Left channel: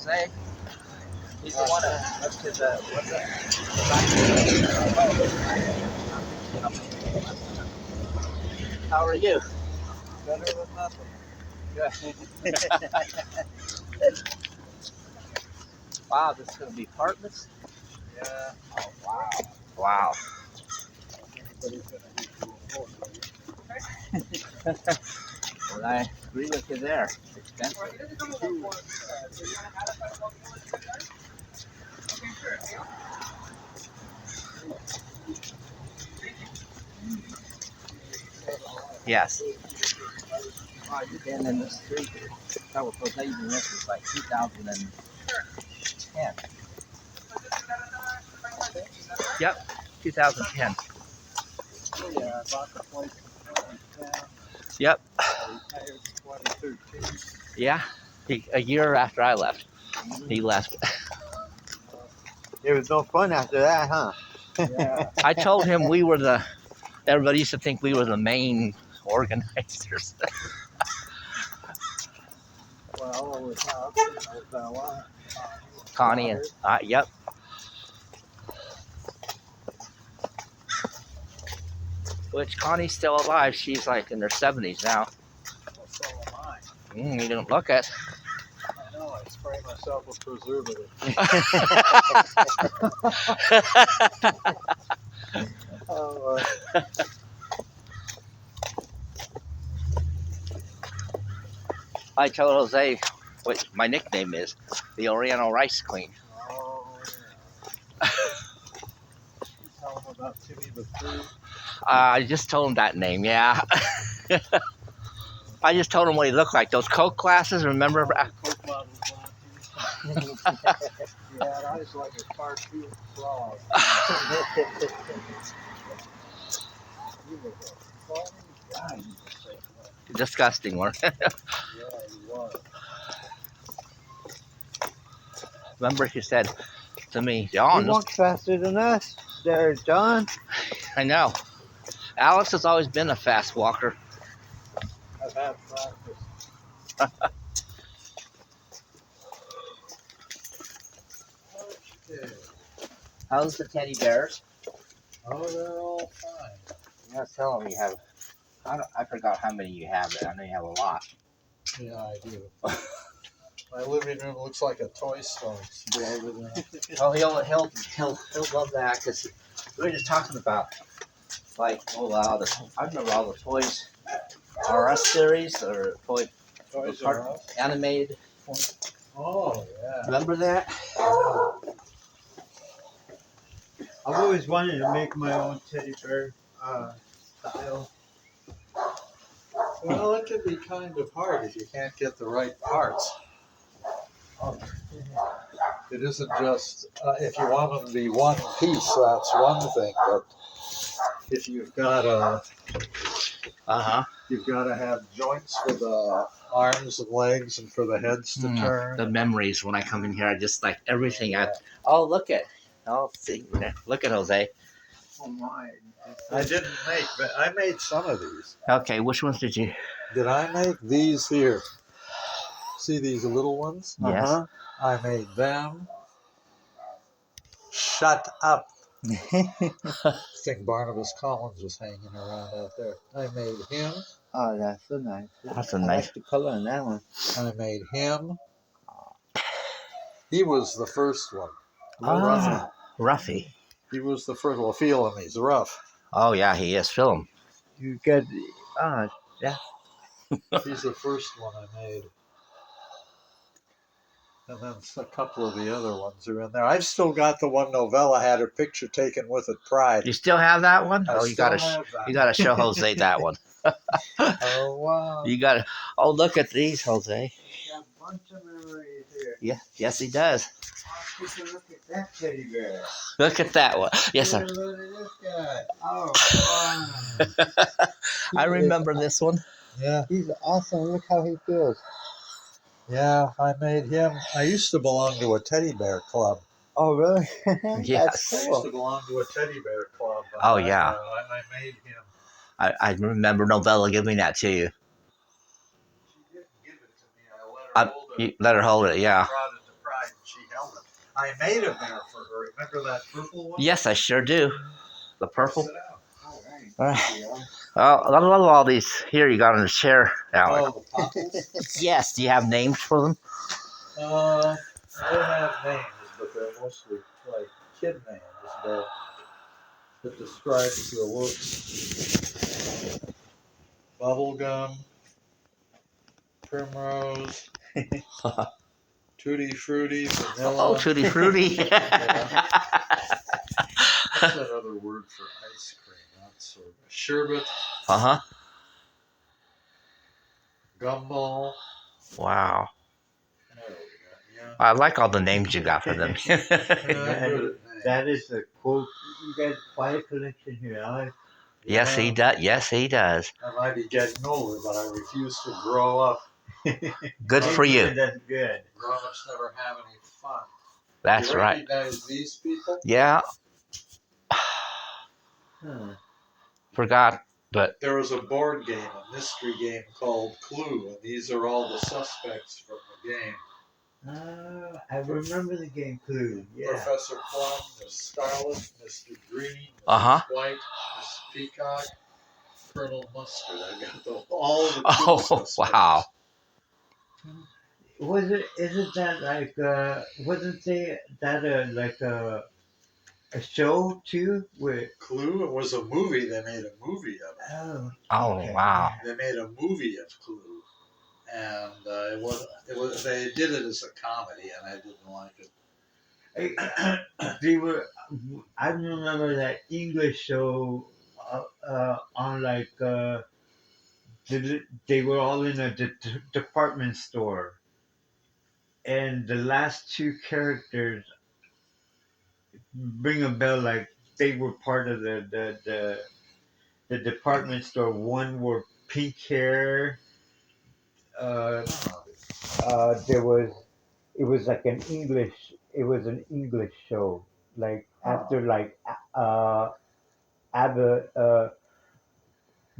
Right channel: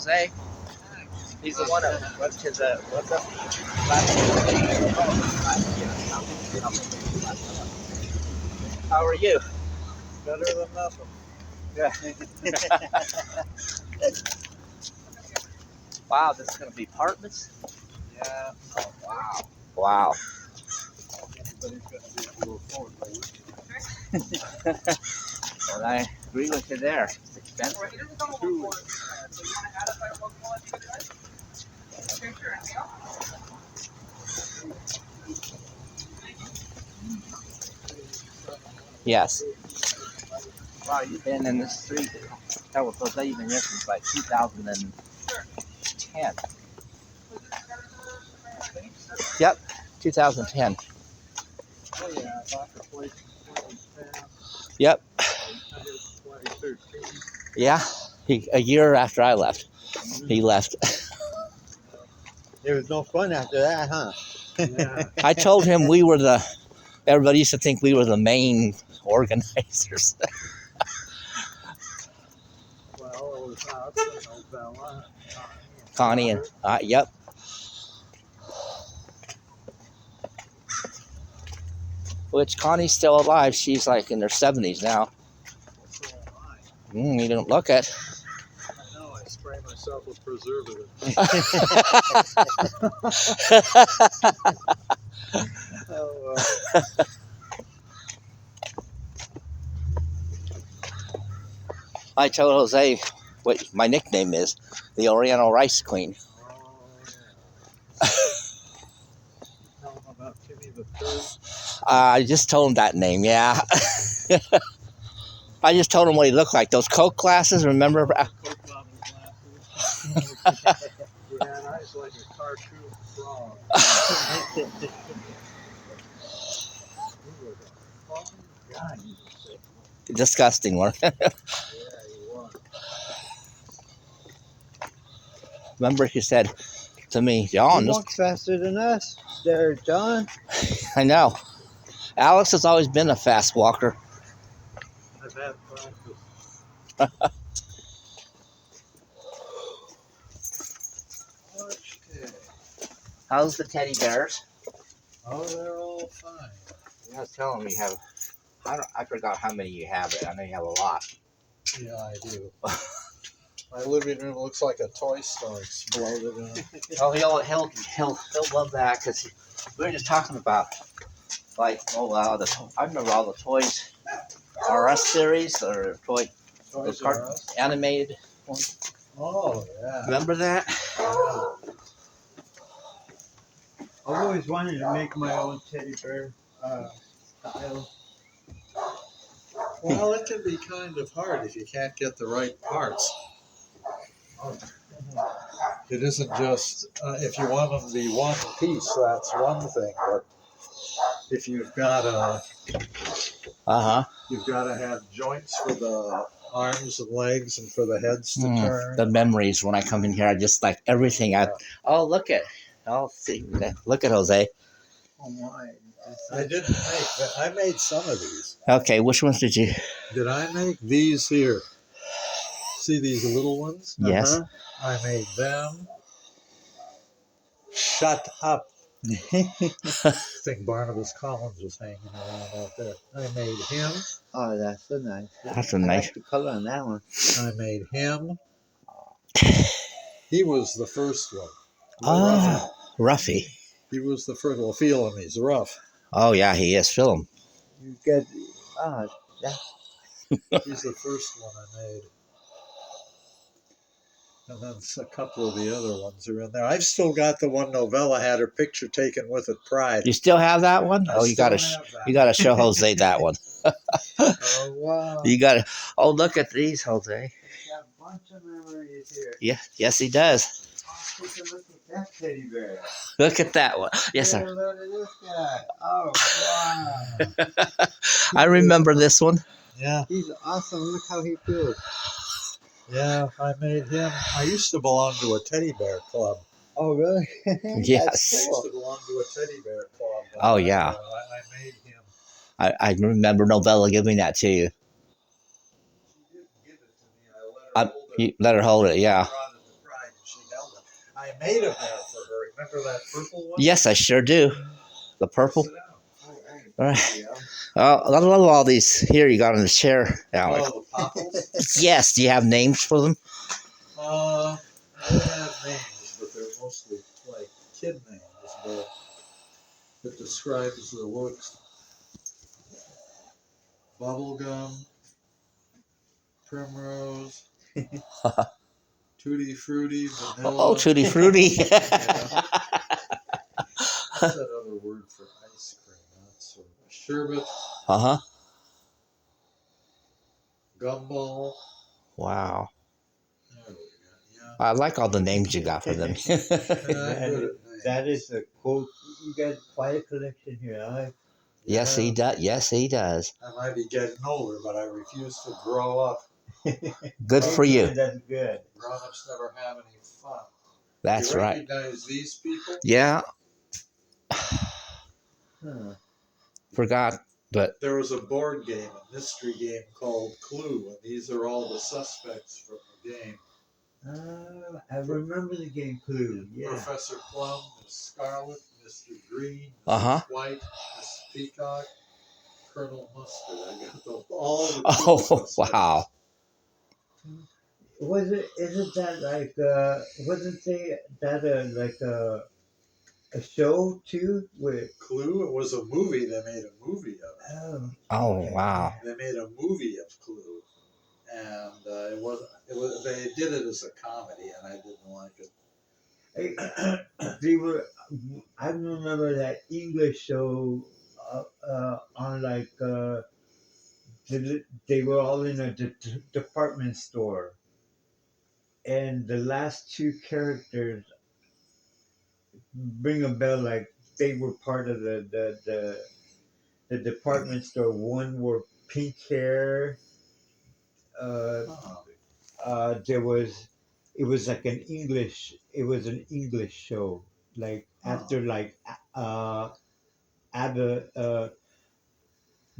Jose. He's the one that what's his what's up? How are you? Better than nothing. Yeah. Wow, this is gonna be apartments. Yeah. Oh wow. Wow. Anybody's gonna be able to afford it. Well, I agree with you there. It's expensive. Yes. Wow, you've been in the street. That was Jose. You've been here since like 2010. Yep, 2010. Oh yeah, I bought the place in 2010. Yep. I retired in 2013. Yeah. A year after I left, he left. There was no fun after that, huh? Yeah. I told him we were the. Everybody used to think we were the main organizers. Well, it was Hudson, Novella, Connie and yep. Which Connie's still alive. She's like in her 70s now. So am I. You don't look it. I know, I spray myself with preservative. Oh, I told Jose what my nickname is, the Oriental Rice Queen. Oh, yeah. Tell them about Timmy the Third. I just told him that name, yeah. I just told him what he looked like. Those Coke glasses, remember? Coke bottle glasses. He had eyes like a cartoon frog. He was a funny guy. He was so funny. Disgusting one. Yeah, he was. Remember he said to me, he John, walks faster than us. There, John. I know. Alex has always been a fast walker. I've had practice. Okay. How's the teddy bears? Oh, they're all fine. You gotta tell them you have. I forgot how many you have, but I know you have a lot. Yeah, I do. My living room looks like a toy store exploded in it. Oh, he'll love that because we were just talking about like I remember all the toys, RS series or Toys R Us? animated. Oh, yeah. Remember that? I've always wanted to make my own teddy bear style. Well, it can be kind of hard if you can't get the right parts. It isn't just, if you want them to be one piece, that's one thing, but if you've got you've got to have joints for the arms and legs and for the heads to turn. The memories when I come in here, I just like everything. Oh, look at. Oh, see, look at Jose. Oh my! I didn't make, but I made some of these. Okay, which ones did you? Did I make these here? See these little ones? Yes. I made them. Shut up. I think Barnabas Collins was hanging around out there. I made him. Oh, that's so nice. That's a I nice. like the color on that one. I made him. He was the first one. Ruffy. He was the first one. Feel him. He's rough. Oh yeah, he is. Feel him. You get yeah. He's the first one I made. And then a couple of the other ones are in there. I've still got the one Novella had her picture taken with at Pride. You still have that one? I Oh, you still gotta have that. you gotta show Jose that one. Oh wow! You gotta. Oh, look at these, Jose. He's got a bunch of memories here. Yeah, yes, he does. Oh, take a look at that teddy bear. Look at that one. Yes, Take sir. a look at this guy. Oh wow! I remember this one. Yeah. He's awesome. Look how he feels. Yeah, I made him. I used to belong to a teddy bear club. Oh really? Yes. That's I used cool. to belong to a teddy bear club. Oh, yeah. I made him. I remember Novella giving that to you. She didn't give it to me. I let her hold it. You let her hold it, yeah. Brought it to Pride. I made a mare for her. Remember that purple one? Yes, I sure do. The purple. Sit down. All right. All right. Yeah. Well, I love all these here you got in the chair, Alex. Oh, the popples? Yes. Do you have names for them? I don't have names, but they're mostly like kid names, but it describes the looks. Bubblegum, Primrose, Tutti Frutti, Vanilla. Oh, Tutti Frutti. What's that other word for ice cream? Not soda. Sherbet, Uh-huh. Gumball. Wow. There we go. Yeah. I like all the names you got for them. Yeah, I'm good at names. That is a quote. You got quite a collection here, Alex. Yes, he does. Yes, he does. I might be getting older, but I refuse to grow up. Good for you. That's good. Grown-ups never have any fun. That's You right. recognize these people? Yeah. Huh. Forgot, but There was a board game, a mystery game called Clue, and these are all the suspects from the game. I remember the game Clue. Yeah. Professor Plum, Miss Scarlet, Mr. Green, Mrs. Uh-huh. White, Miss Peacock, Colonel Mustard. I got all the oh suspects. wow. Isn't that like wasn't that like a show too with Clue, it was a movie. They made a movie of it. oh Oh okay. wow. They made a movie of Clue, and it was they did it as a comedy, and I didn't like it. They were I remember that English show on like they were all in a department store, and the last two characters ring a bell like they were part of the department store. One wore pink hair. Uh, there was it was like an English. It was an English show. Like after like Abba.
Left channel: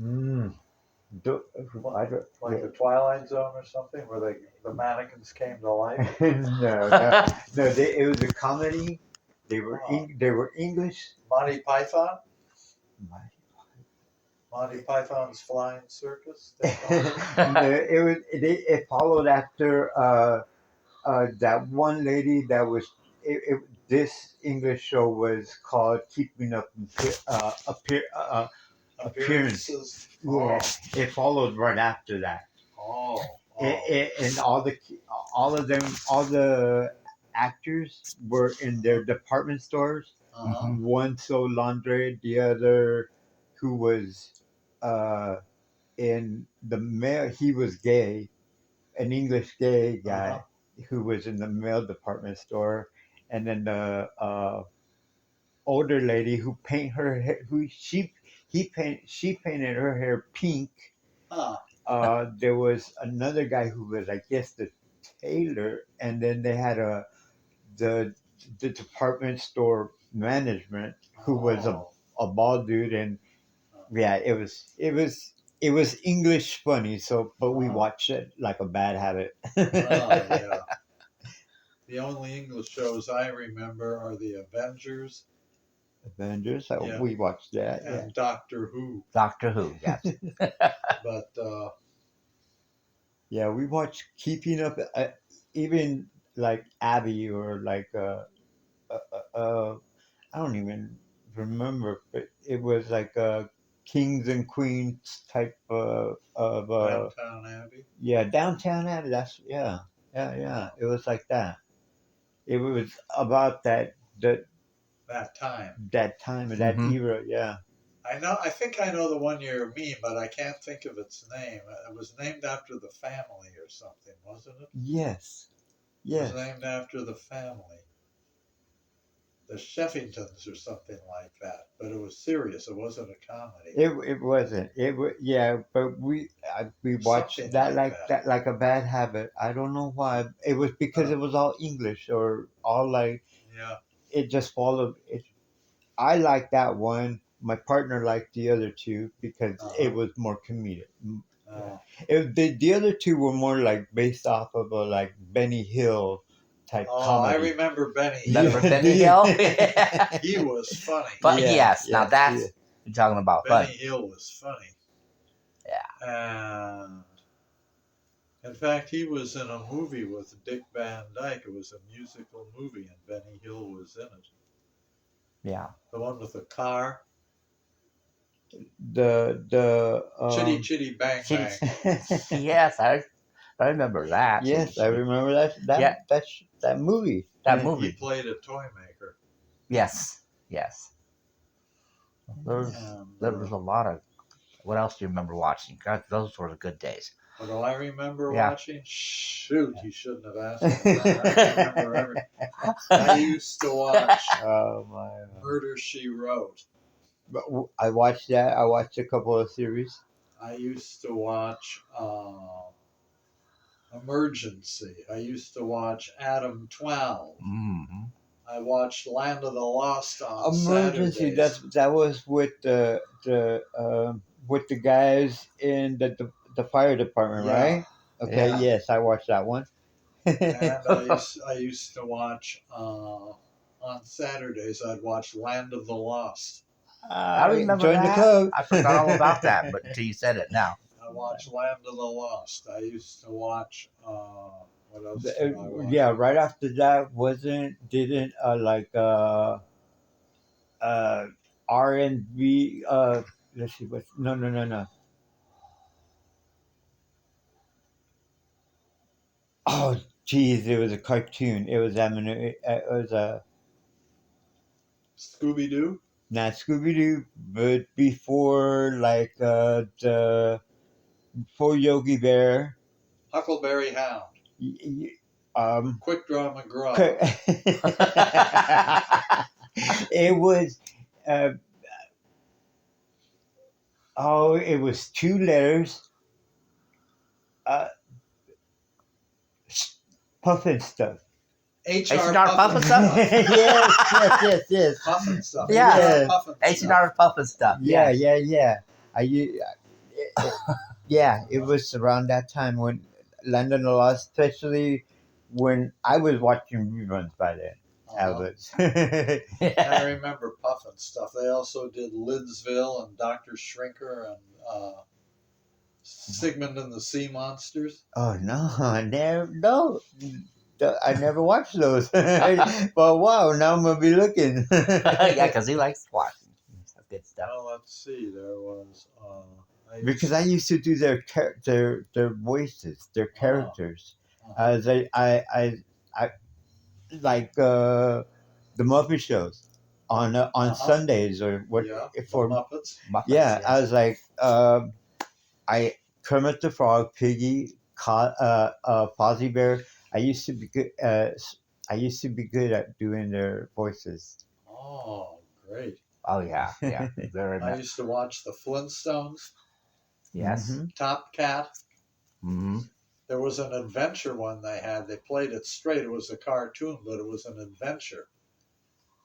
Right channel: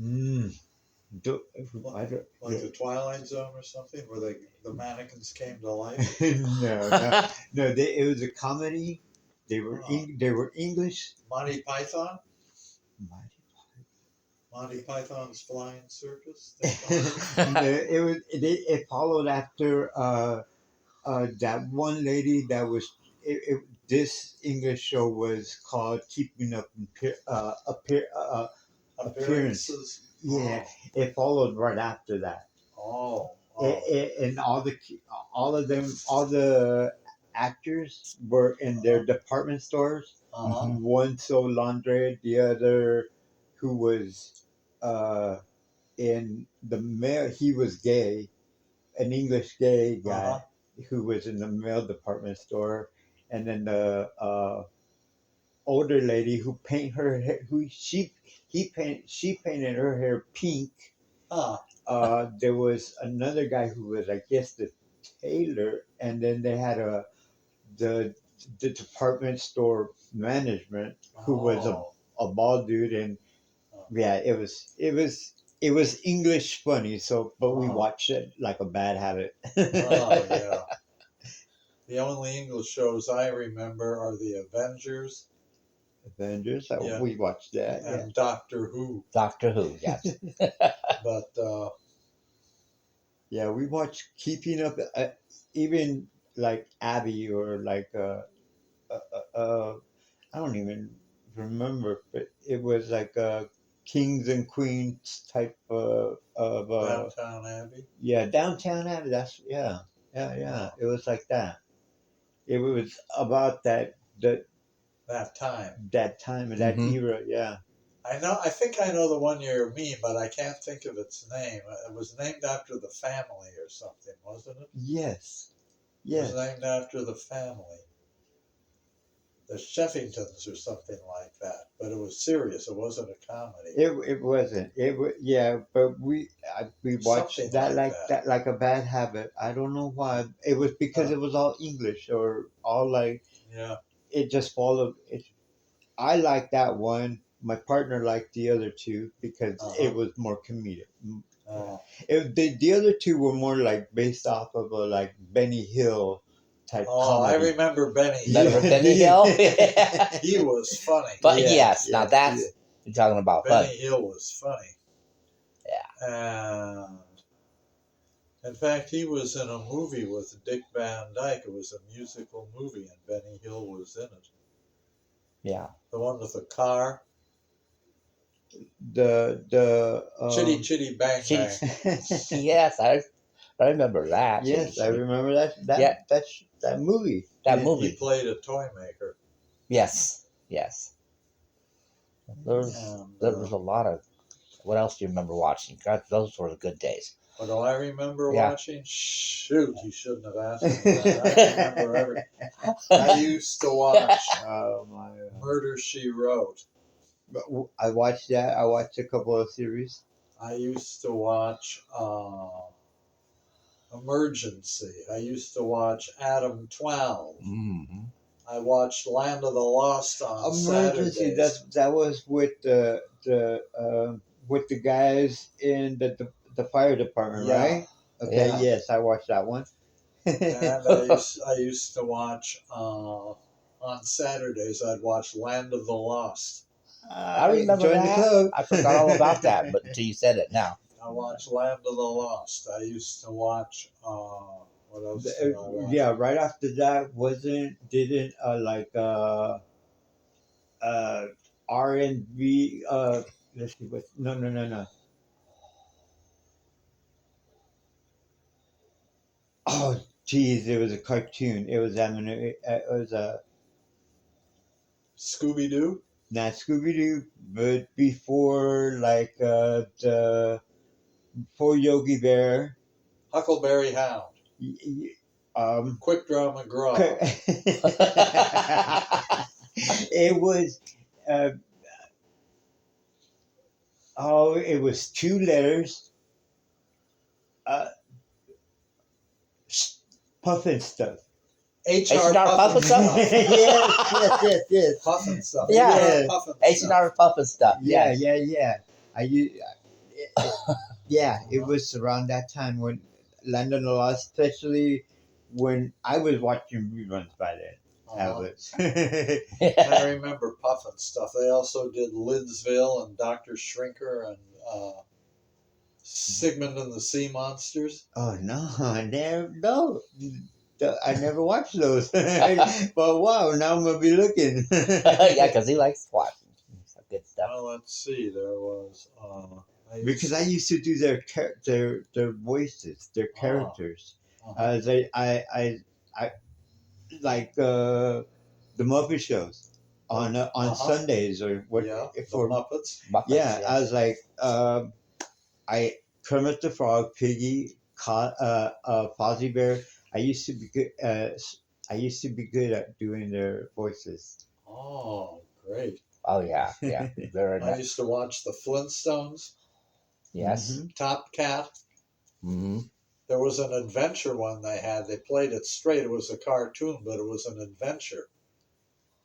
Mm, do, I don't, Like the Twilight Zone or something, where the mannequins came to life. no. It was a comedy. They were Oh. they were English. Monty Python, Monty Python's Flying Circus. It followed after that one lady that was this English show was called Keeping Up Appearances. Yeah, it followed right after that. Oh. And all the actors were in their department stores. Uh-huh. One sold laundry, the other who was in the mail. He was gay, an English gay guy who was in the mail department store, and then the older lady who paint her hair, she painted her hair pink. There was another guy who was, I guess, the tailor, and then they had the department store management who was a bald dude, and yeah, it was English funny. So, but we watched it like a bad habit. Yeah. The only English shows I remember are the Avengers. Avengers, Yeah. we watched that. And Doctor Who. Doctor Who, yes. But yeah, we watched Keeping Up, even like Abby or like I don't even remember, but it was like a kings and queens type of Downtown Abbey. Yeah, Downtown Abbey. That's yeah. It was like that. It was about that time of that era. Yeah. I think I know the one you mean, but I can't think of its name. It was named after the family or something, wasn't it? Yes. It was named after the family. The Sheffingtons or something like that. But it was serious. It wasn't a comedy. It wasn't. It was but we watched Something that like that like a bad habit. I don't know why. It was because it was all English or all like it just followed it. I liked that one. My partner liked the other two because it was more comedic. The other two were more like based off of a like Benny Hill type Oh, I comedy. remember Benny. Remember Hill. Benny Hill? He was funny. But Yeah, yes, now yeah, that's yeah. you're talking about Benny fun. Hill was funny. Yeah. And in fact, he was in a movie with Dick Van Dyke. It was a musical movie, and Benny Hill was in it. Yeah. The one with the car. The Chitty Chitty Bang Chitty- Bang. Yes, I remember that. yes, I remember Yeah. that movie. That He movie. played a toy maker. Yes. Yes. There's And, there was a lot of. What else do you remember watching? God, those were the good days. what do I remember Yeah. watching? Shoot, you shouldn't have asked me that. I remember everything. I used to watch Oh my! Murder, She Wrote. But I watched that. I watched a couple of series. I used to watch Emergency. I used to watch Adam 12. Mm-hmm. I watched Land of the Lost on Emergency. Saturdays. That was with the guys in the fire department, Yeah. right? Okay. Yeah. Yes, I watched that one. And I used to watch on Saturdays. I'd watch Land of the Lost. I remember joined that. the club. I forgot all about that, but until you said it now. I watched Land of the Lost. I used to watch what else did I watch? Yeah, right after that didn't R&B let's see what no. Oh geez, it was a cartoon. It was a Scooby Doo. not Scooby Doo, but before before Yogi Bear. Huckleberry Hound. Quick Draw McGraw. It was it was 2 letters. Puffin stuff. H.R. Puffin Puffin Stuff? yes. Puffin stuff. Yeah. H.R. Puffin H&R stuff. Puffin stuff. Yeah. Yes. It was around that time when London Lost, especially when I was watching reruns by then. Albert. I remember Puffin stuff. They also did Lidsville and Dr. Shrinker and Sigmund and the Sea Monsters. Oh no, I never watched those. But wow, now I'm gonna be looking. Yeah, because he likes watching some good stuff. Well, let's see. There was Because I used to do their voices, their characters. As I like the Muppet shows on Sundays or what for Muppets. Muppets, yeah, yes. I was like I Kermit the Frog, Piggy, Fozzie Bear. I used to be good. I used to be good at doing their voices. Oh, great! Oh yeah. Very I nice. used to watch the Flintstones, Yes. Mhm. Top Cat. Mm-hmm. There was an adventure one they had. They played it straight. It was a cartoon, but it was an adventure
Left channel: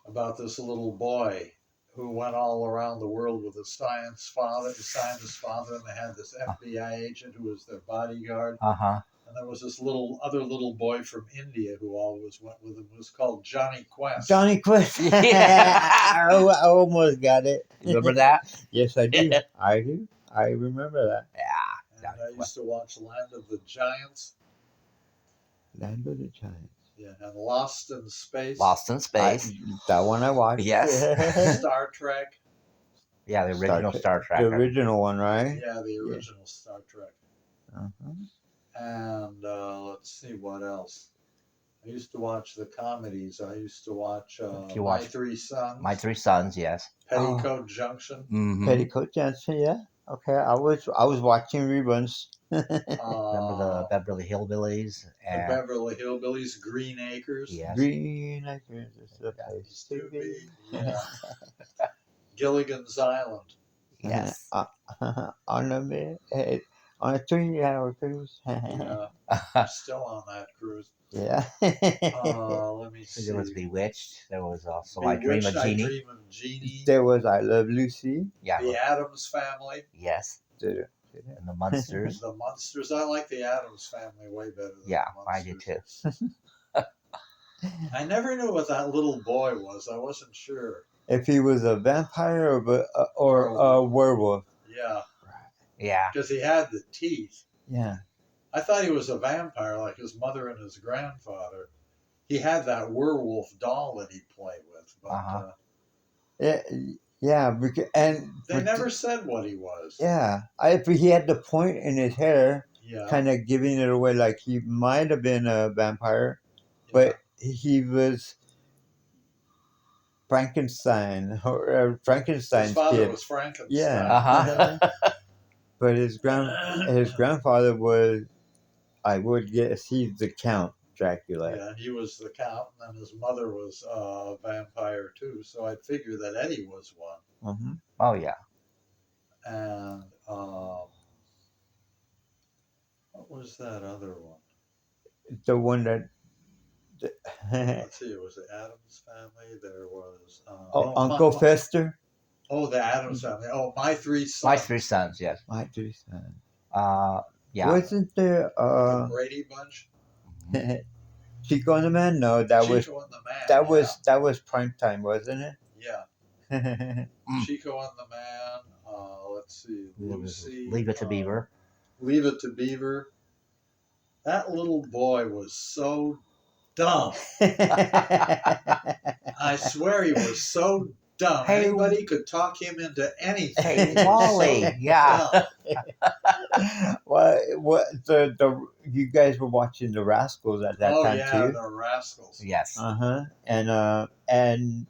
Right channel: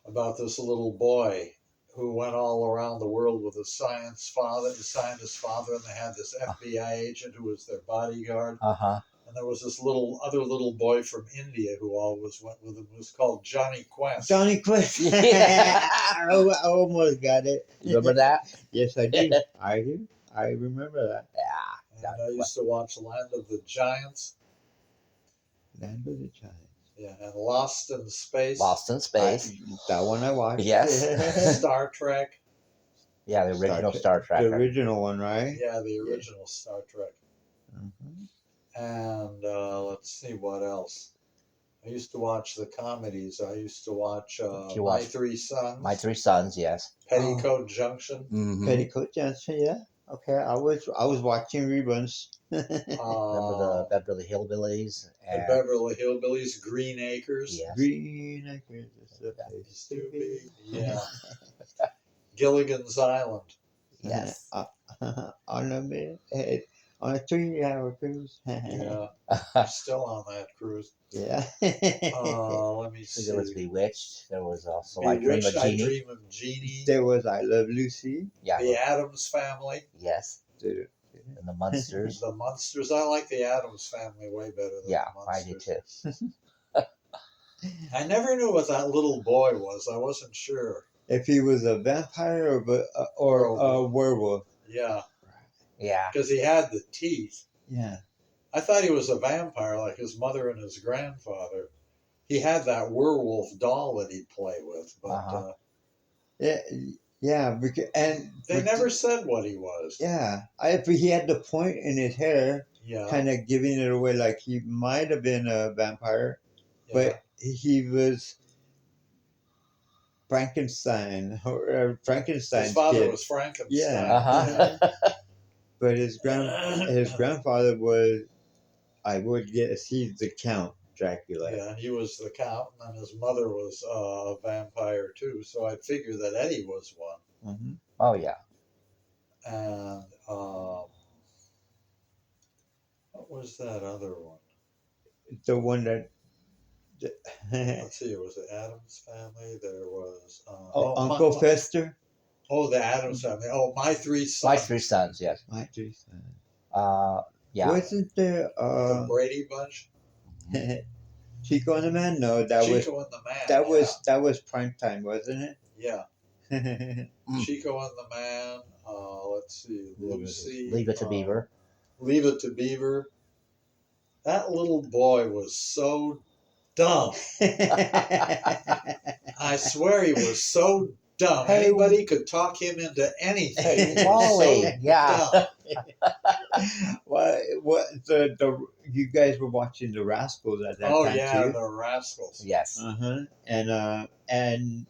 about this little boy who went all around the world with his scientist father, and they had this FBI agent who was their bodyguard. Uh-huh. And there was this other little boy from India who always went with him. It was called Johnny Quest. Johnny Quest. Yeah. I almost got it. Remember that? Yes, I do. I do. I remember that. Yeah. And I used to watch Land of the Giants. Land of the Giants. Yeah, and Lost in Space. Lost in Space. That one I watched. Yes. Star Trek. Yeah, the original Star Trek. The original one, right? Yeah, the original Star Trek. Uh-huh. And let's see what else. I used to watch the comedies. I used to watch You My watched- Three Sons, My Three Sons, yes. Petticoat Junction. Mm-hmm. Petticoat Junction, yeah. Okay, I was watching reruns. Remember the Beverly Hillbillies? The And, Beverly Hillbillies, Green Acres. yes. Green Acres is the place Used to to be. be, yeah. Gilligan's Island. Yes. On a 3-hour cruise. Yeah, still on that cruise. Yeah. Let me see. There was Bewitched. There was also I Dream Bewitched, of I Jeannie. Dream of Jeannie. There was I Love Lucy. Yeah. The Addams Family. Yes. The- And the Munsters. The Munsters. I like the Addams Family way better than Yeah, the I do Munsters. too. I never knew what that little boy was. I wasn't sure. If he was a vampire or a werewolf. Yeah, Yeah. because he had the teeth. Yeah. I thought he was a vampire like his mother and his grandfather. He had that werewolf doll that he'd play with, but Uh-huh. Yeah. Yeah. Because, and they never said what he was. Yeah. But he had the point in his hair, Yeah, kind of giving it away like he might have been a vampire, yeah. but he was Frankenstein or Frankenstein's His father kid. was Frankenstein. Yeah. Uh-huh. But his grandfather was, I would guess, he's the Count Dracula. Yeah, he was the count, and then his mother was a vampire too. So I'd figure that Eddie was one. Mm-hmm. Oh yeah. And what was that other one? The one that. Let's see, it was the Addams Family. There was Uncle Fester. Oh, the Addams Family. Oh, My Three Sons. My three sons. Yes. My three sons. Yeah. Wasn't there The Brady Bunch. Chico and the Man? No, that Chico was and the Man. that was prime time, wasn't Yeah. it? Chico and the Man. Let's see, Lucy. Leave it to Beaver. Leave It to Beaver. That little boy was so dumb. I swear he was so dumb. Hey, Anybody could talk him into anything. Hey, He was Wally. so Yeah. dumb. what the you guys were watching the Rascals at that Oh time yeah, too? the Rascals. Yes. And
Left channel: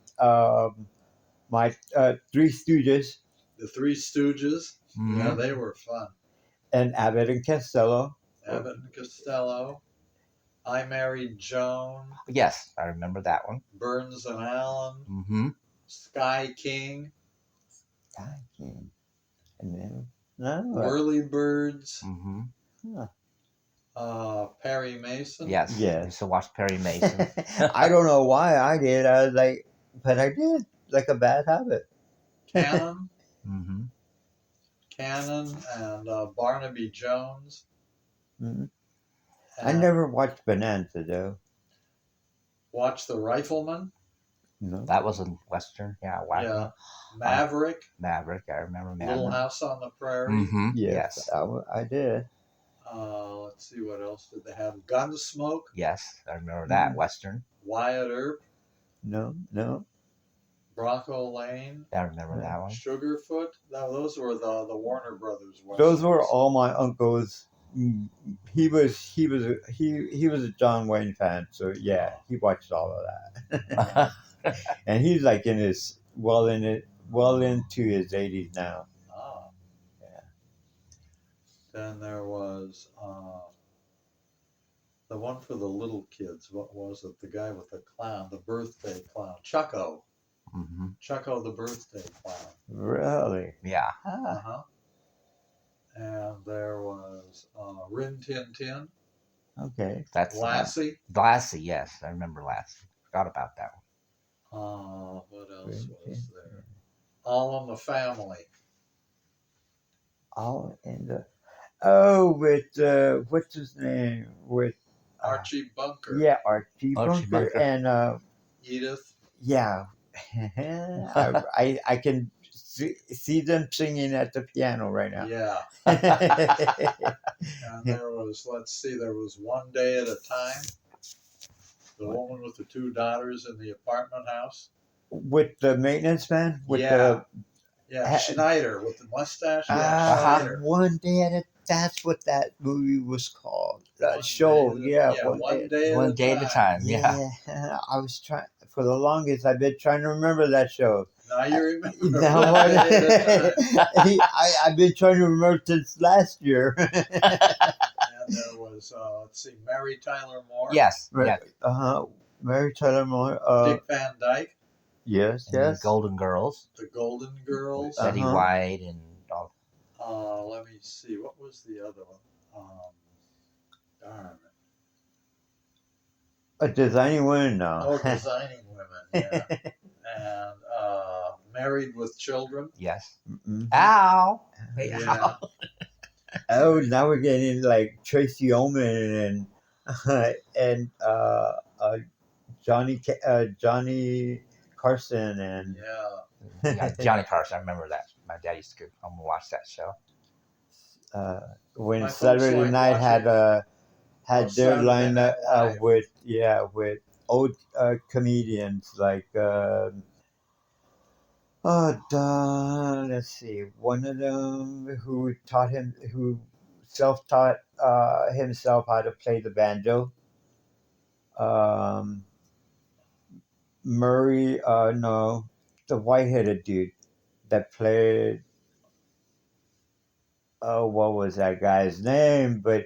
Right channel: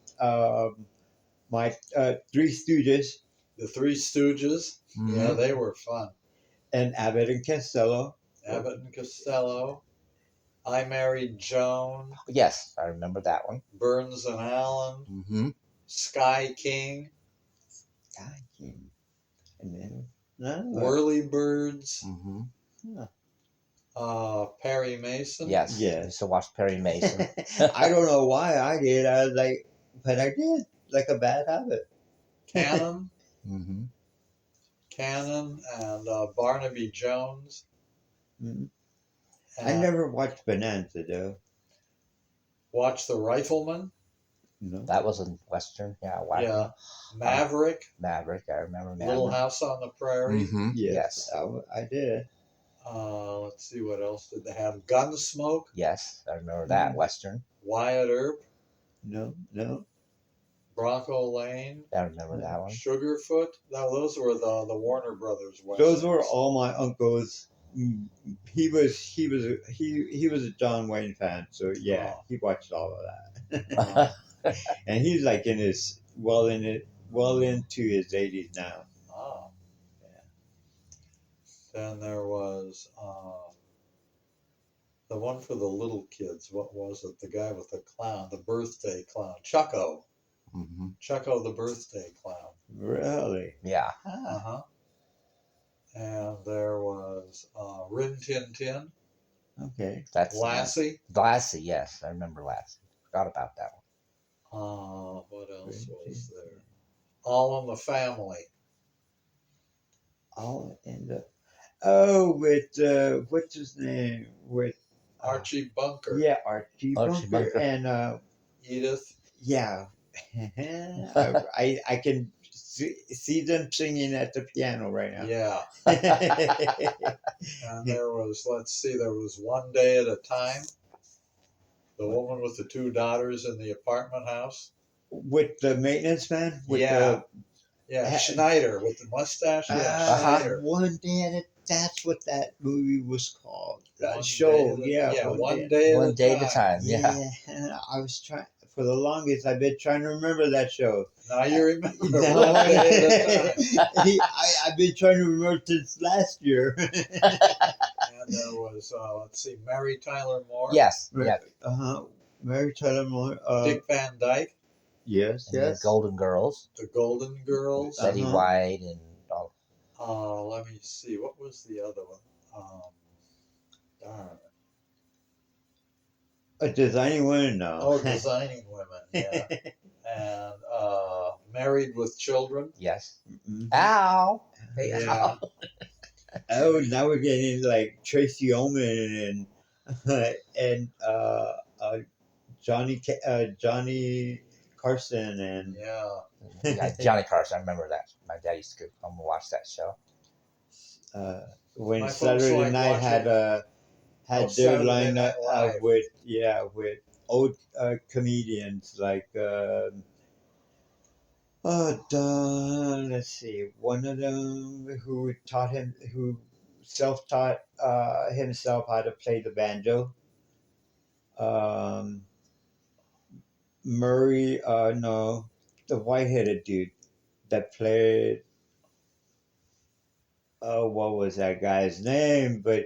my Three Stooges The Three Stooges. Mhm. Yeah, they were fun. and Abbott and Costello. Abbott and Costello. I Married Joan. Yes, I remember that one. Burns and Allen. Mm-hmm. Sky King. And then no, Whirlybirds. Mm-hmm. Perry Mason. Yes. Yes. I used to watch Perry Mason. I don't know why I did. I was like, but I did, like a bad habit. Cannon. Mm-hmm. Cannon and Barnaby Jones. Mhm. I And never watched Bonanza though. Watch The Rifleman. No. That was a Western. Yeah. Wow. Yeah. Maverick. Maverick. I remember Maverick. Little House on the Prairie. Mm-hmm. Yes, Yes. I did. Let's see, what else did they have? Gunsmoke. Yes, I remember that Mhm. Western. Wyatt Earp. No. Bronco Lane. I remember that one. Sugarfoot. No, those were the Warner Brothers westerns. Those were all my uncles. He was a John Wayne fan, so yeah, he watched all of that. And he's like in his well into his 80s now. Ah. Yeah. Then there was the one for the little kids. What was it? The guy with the clown, the birthday clown, Chucko. Mm-hmm. Chucko the birthday clown. Really? Yeah. Uh-huh. And there was Rin Tin Tin, Okay. That's Lassie. Lassie. Yes, I remember Lassie. Forgot about that What else Rin was Tin there? All in the Family. All in the with what's his name? With Archie Bunker. yeah, Archie Archie Bunker. Bunker. Edith. Yeah. I can see them singing at the piano right now. Yeah. And there was, let's see, there was One Day at a Time. The woman with the two daughters in the apartment house. With the maintenance man? With Yeah. the Yeah, Schneider with the mustache. Yeah, Schneider. One Day at a That's what that movie was called. That One show, day at a- yeah. One Day one. at One day at a time. Yeah. Yeah, I was trying for the longest. I've been trying to remember that show. Now you remember. Now One Day at a Time. I've been trying to remember since last year. And there was, let's see, Mary Tyler Moore. Yes. Yeah. Mary Tyler Moore. Dick Van Dyke. Yes, And the yes. Golden Girls. The Golden Girls. Betty Uh-huh. White and all. Let me see. What was the other one? Darn it. Designing Women now. Oh, Designing Women. Yeah. And Married with Children. Yes. Mhm. Ow. Hey, Yeah. ow. Oh, now we're getting like Tracy Ullman and Johnny Carson and Yeah. Johnny Carson. I remember that. My dad used to go home and watch that show. when My folks Saturday like Night watching had their Saturday Night lineup Live. with old comedians like let's see, one of them who self-taught himself how to play the banjo. Um, Murray, no, the white-headed dude that played. Oh, what was that guy's name? But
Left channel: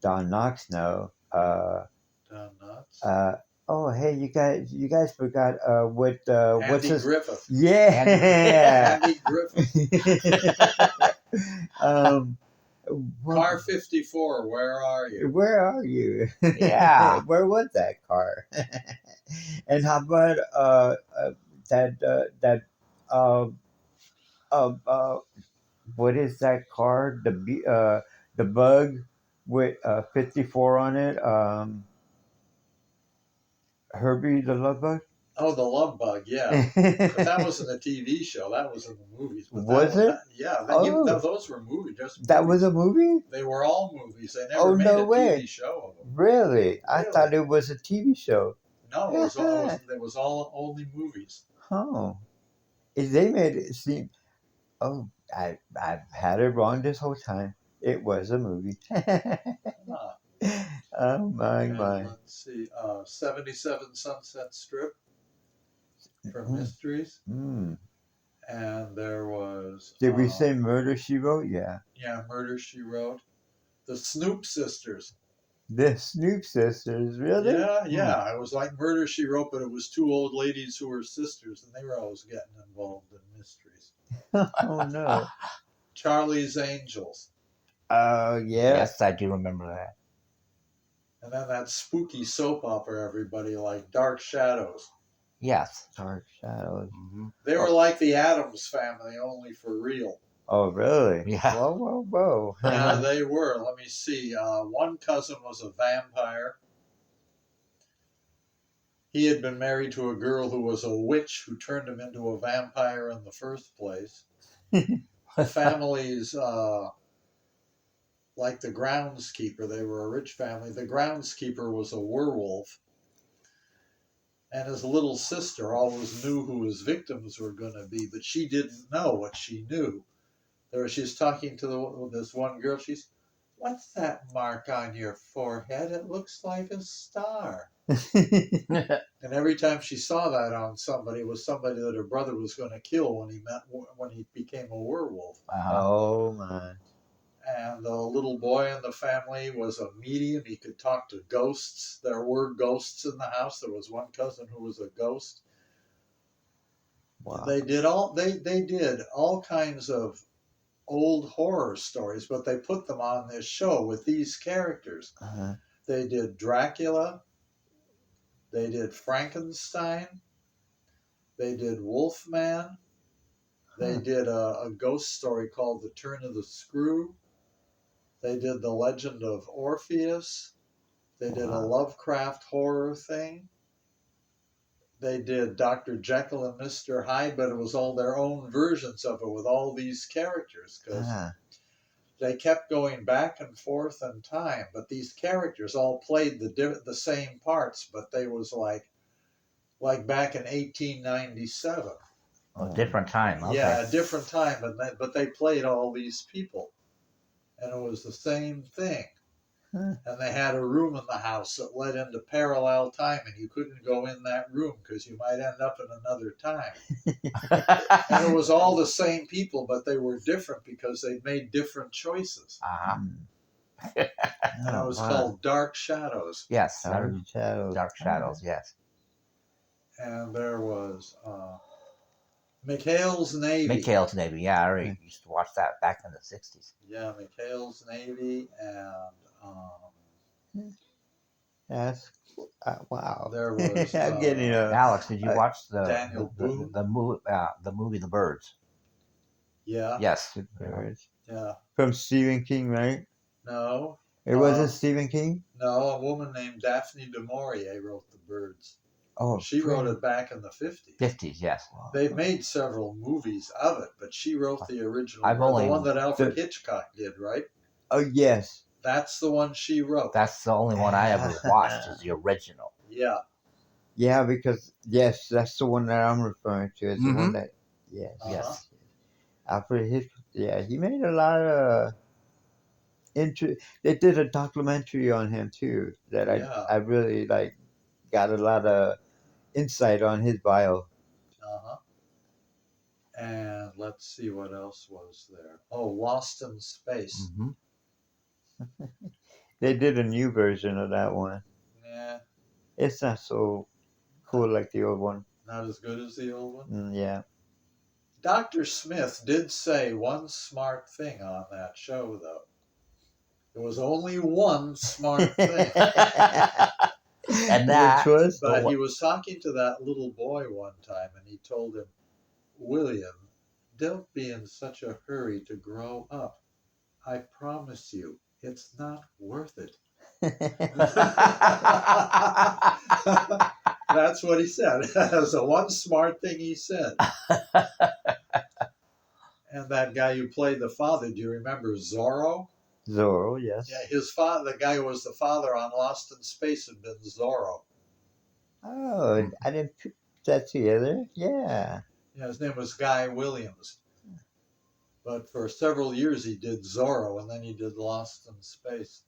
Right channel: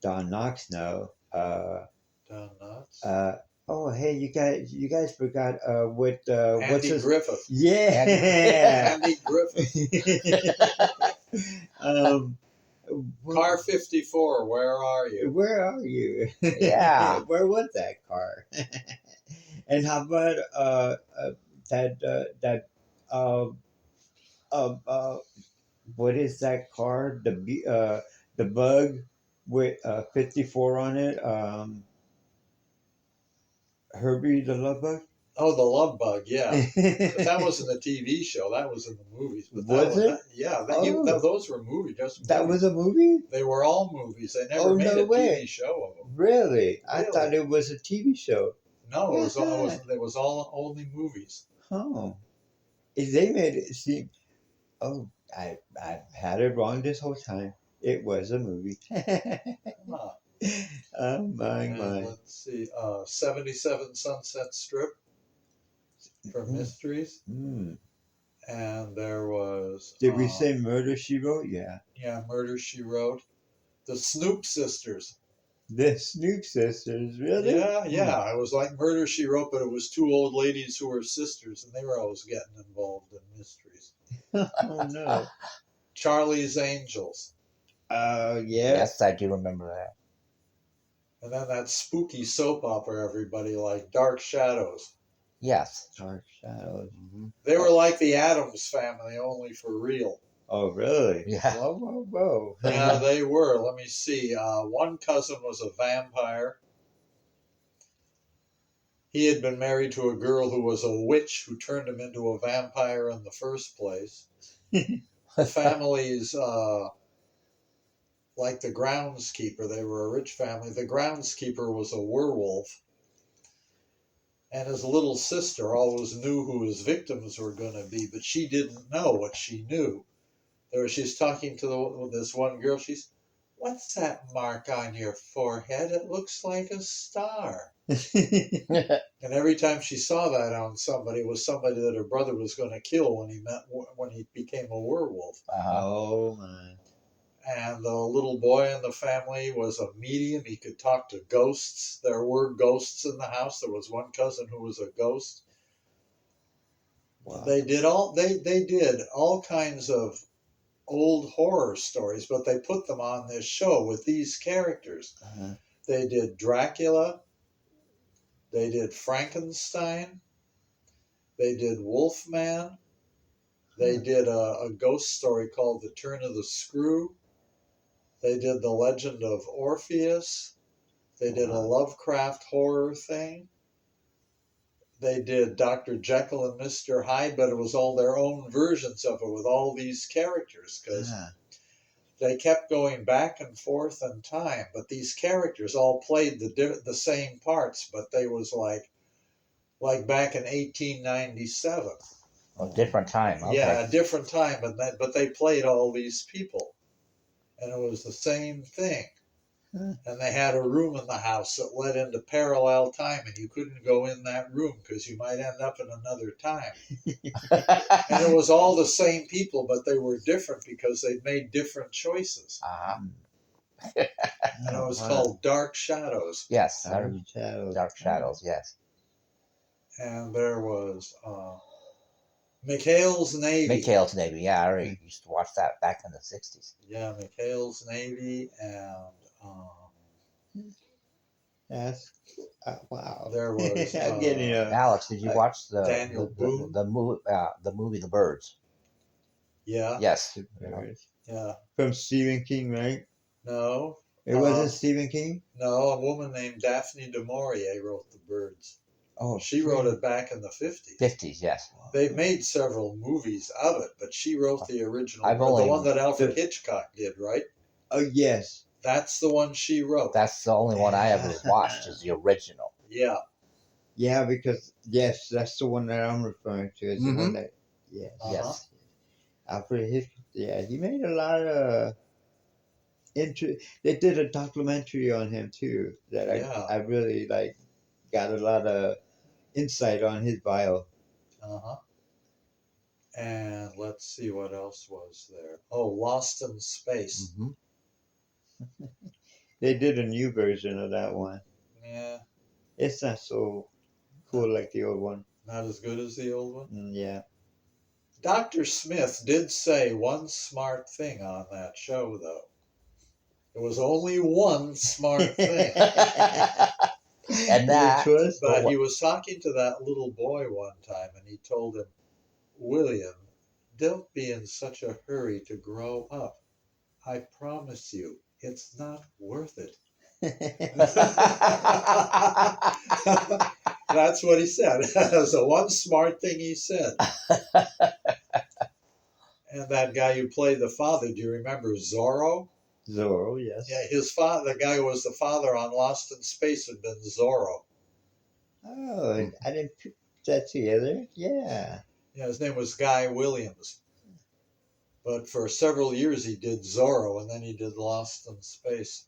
Don Knotts, no. Don Knotts. Oh, hey, you guys forgot what's Andy his Griffith. yeah. Andy Griffith. um, Car 54, where are you? where are you? Yeah. Where was that car? And how about that uh, uh, what is that car? The Bug with 54 on it. Herbie the Love Bug. Oh, the Love Bug, yeah. But that wasn't a TV show. That was in the movies. But that Was it? Yeah, Oh. those were movies. Just That movies. was a movie? They were all movies. They never Oh, made no a way. TV show of them. Really? I Really? thought it was a TV show. No, it was all only movies. Oh. They made it seem. Oh, I've had it wrong this whole time. It was a movie. Huh. Oh, my, And my. let's see, 77 Sunset Strip for Mm. Mysteries. Mm. And there was... Did we say Murder, She Wrote? Yeah. Yeah, Murder, She Wrote. The Snoop Sisters. The Snoop Sisters, really? Yeah. It was like Murder, She Wrote, but it was two old ladies who were sisters, and they were always getting involved in mysteries. Oh, no. Charlie's Angels. Yeah. Yes, I do remember that. And then that spooky soap opera everybody liked, Dark Shadows. Yes. Dark Shadows. Mm-hmm. They were like the Addams Family, only for real. Oh, really? Yeah. Whoa. Yeah, they were. Let me see. One cousin was a vampire. He had been married to a girl who was a witch who turned him into a vampire in the first place. The families, like the groundskeeper, they were a rich family. The groundskeeper was a werewolf. And his little sister always knew who his victims were going to be, but she didn't know what she knew. She's talking to this one girl. She's, "What's that mark on your forehead? It looks like a star." And every time she saw that on somebody, it was somebody that her brother was going to kill when he became a werewolf. Oh, my. And the little boy in the family was a medium. He could talk to ghosts. There were ghosts in the house. There was one cousin who was a ghost. Wow. They did all kinds of old horror stories, but they put them on this show with these characters. Uh-huh. They did Dracula. They did Frankenstein. They did Wolfman. They did a ghost story called The Turn of the Screw. They did The Legend of Orpheus. They did a Lovecraft horror thing. They did Dr. Jekyll and Mr. Hyde, but it was all their own versions of it with all these characters, because they kept going back and forth in time. But these characters all played the same parts, but they was like back in 1897. A different time. Okay. Yeah, a different time, but they played all these people, and it was the same thing. And they had a room in the house that led into parallel time, and you couldn't go in that room because you might end up in another time. And it was all the same people, but they were different because they'd made different choices. Uh-huh. And it was called Dark Shadows. Yes. Dark Shadows. Dark Shadows, yes. And there was McHale's Navy. McHale's Navy, yeah. I already used to watch that back in the 60s. Yeah, McHale's Navy, and Yes. Wow. there was I'm getting Alex, did you watch Daniel Boone? the movie The Birds? Yeah. Yes. Yeah. From Stephen King, right? No. It wasn't Stephen King? No, a woman named Daphne du Maurier wrote The Birds. Oh, She wrote it back in the 50s. 50s, yes. They made several movies of it, but she wrote the original, I've the only- one that Alfred Hitchcock did, right? Oh yes. That's the one she wrote. That's the only one I ever watched is the original. Yeah. Yeah, because yes, that's the one that I'm referring to. Is the one that yes. Uh-huh. Yes. Alfred Hitchcock. Yeah, he made a lot of They did a documentary on him too that Yeah. I really like. Got a lot of insight on his bio. Uh-huh. And let's see what else was there. Oh, Lost in Space. Hmm. They did a new version of that one. Yeah, It's not so cool like the old one. not as good as the old one. Yeah. Dr. Smith did say one smart thing on that show, though. There was only one smart thing. And that, Which was But he was talking to that little boy one time, and he told him, William, don't be in such a hurry to grow up. I promise you, it's not worth it. That's what he said. That's the one smart thing he said. And that guy who played the father, do you remember Zorro? Zorro, yes. Yeah, his father, the guy who was the father on Lost in Space, had been Zorro. Oh, I didn't put that together. Yeah. Yeah, his name was Guy Williams. But for several years he did Zorro, and then he did Lost in Space.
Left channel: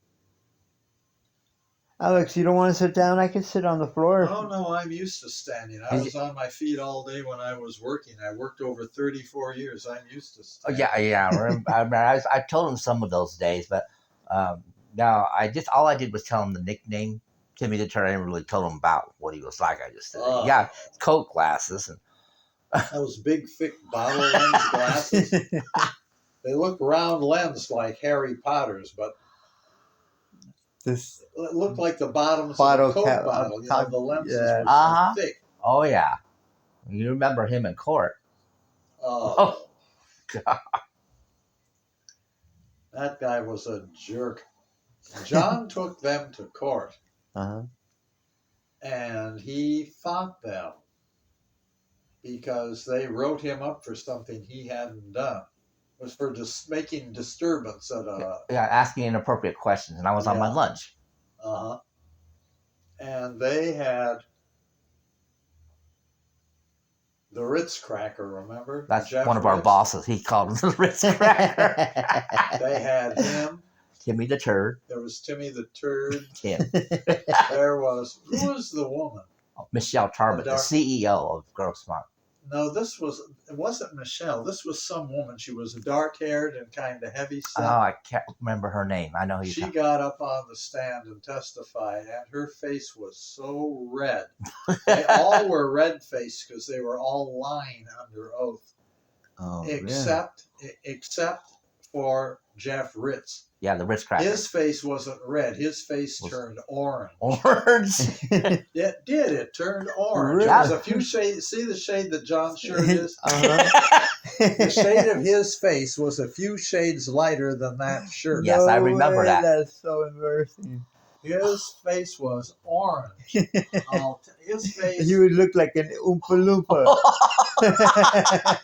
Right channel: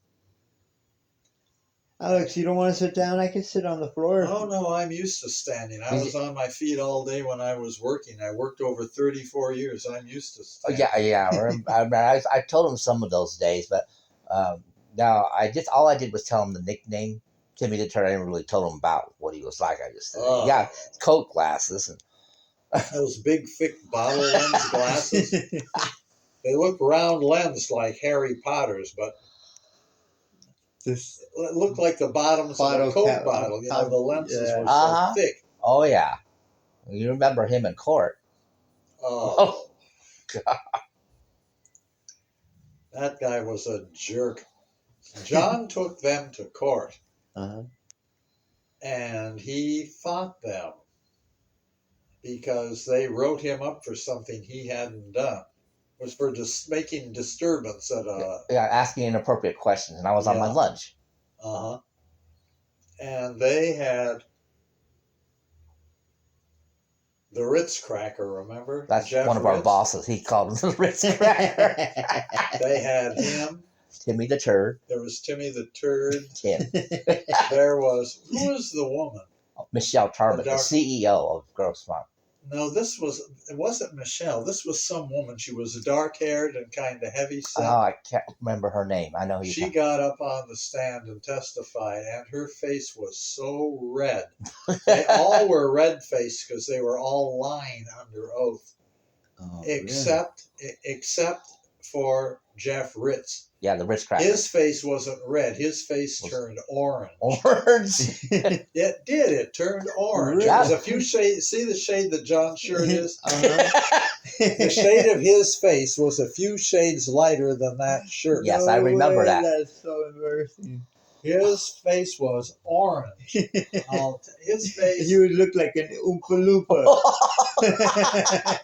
Alex, you don't want to sit down? I can sit on the floor. Oh, no, I'm used to standing. I was on my feet all day when I was working. I worked over 34 years. I'm used to oh, standing. yeah. I told him some of those days, but now all I did was tell him the nickname, Timmy the Turtle. I didn't really tell him about what he was like. I just said, Oh. yeah, Coke glasses. And Those big, thick bottle lens glasses. They look round lens like Harry Potter's, but This it looked like the bottoms Bottle of a Coke cap- bottle. You know, the lenses yeah. were Uh-huh. so thick. oh, yeah. You remember him in court. Oh, that guy was a jerk. John took them to court, uh-huh. and he fought them because they wrote him up for something he hadn't done. It was for just making disturbance at a Yeah, asking inappropriate questions, and I was on my Yeah. lunch. Uh-huh. And they had the Ritz cracker, remember? That's Jeff one of our Ritz? bosses. He called him the Ritz Cracker. They had him. Timmy the Turd. There was Timmy the Turd. Tim. There was, who was the woman? Michelle Tarbert, the dark- CEO of Grossmont. No, it wasn't Michelle. This was some woman. She was dark-haired and kind of heavy set. Oh, I can't remember her name. I know who She you're got up on the stand and testified, and her face was so red. They all were red-faced because they were all lying under oath, Oh, except for Jeff Ritz. Yeah, the Ritz Cracker. His face wasn't red. His face turned orange. Orange. really? It did. It turned orange. It was a few shades. See the shade that John's shirt is? Uh-huh. The shade of his face was a few shades lighter than that shirt. Yes, I remember that. That's so embarrassing. His face was orange. His face. He would look like an Oompa Loompa.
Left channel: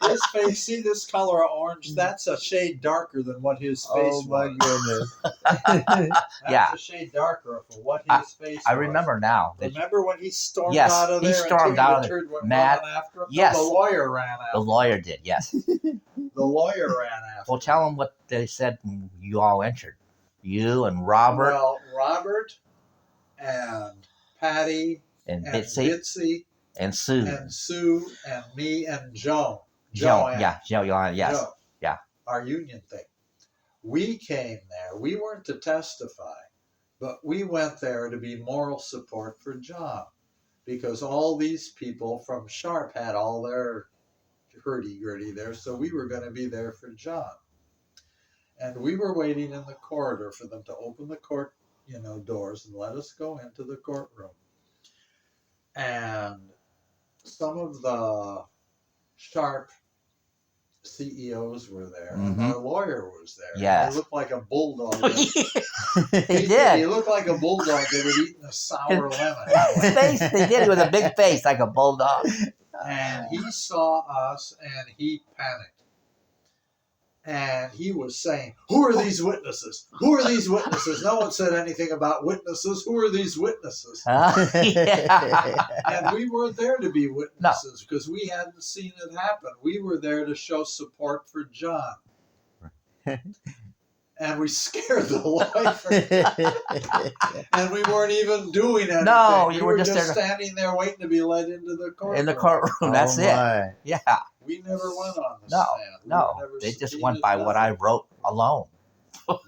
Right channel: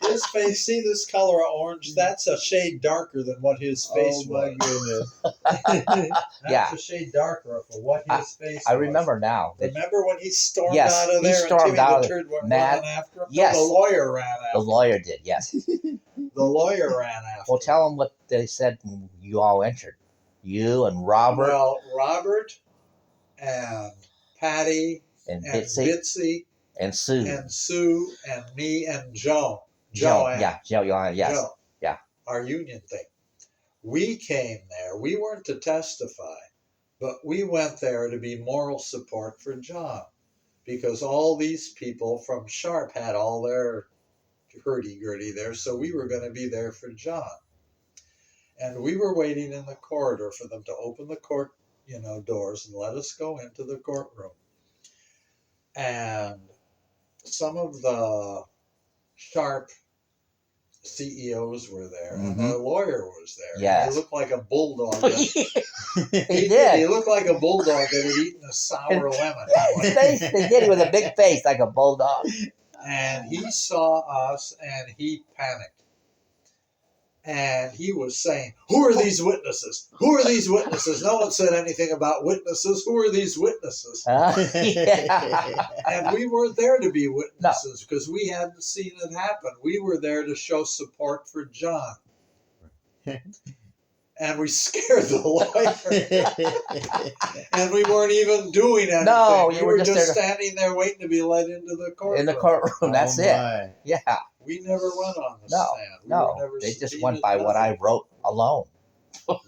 His face. See this color of orange? That's a shade darker than what his face Oh my was. goodness. That's Yeah. a shade darker for what his face I was. remember now. that Remember when he stormed Yes, out of he there and stormed Timmy out the of there. Turd went Mad- running after him? Yes. No, the lawyer ran the after him. lawyer did, yes. The lawyer ran after Well, him. tell them what they said when you all entered. You and Robert Well, Robert and Patty and and Bitsy Bitsy and Sue. and Sue and me and Joan. Joe. Yeah, yes. Joe. Yeah. Our union thing. We came there. We weren't to testify, but we went there to be moral support for John because all these people from Sharp had all their hurdy-gurdy there, so we were going to be there for John. And we were waiting in the corridor for them to open the court, doors and let us go into the courtroom. And some of the Sharp CEOs were there, and Mhm. the lawyer was there. Yes. He looked like a bulldog. He He did. looked like a bulldog that had eaten a sour lemon. His face, they did. He was a big face, like a bulldog. And he saw us, and he panicked. And he was saying, "Who are these witnesses? Who are these witnesses?" No one said anything about witnesses. Who are these witnesses? Yeah. And we weren't there to be witnesses because we hadn't seen it happen. We were there to show support for John. And we scared the life. And we weren't even doing anything. No, we you were were just just there standing there waiting to be led into the courtroom. in the courtroom. That's it. My. Yeah. We never went on the No, stand. We no. were never They just subpoenaed, went by what I nothing. wrote alone,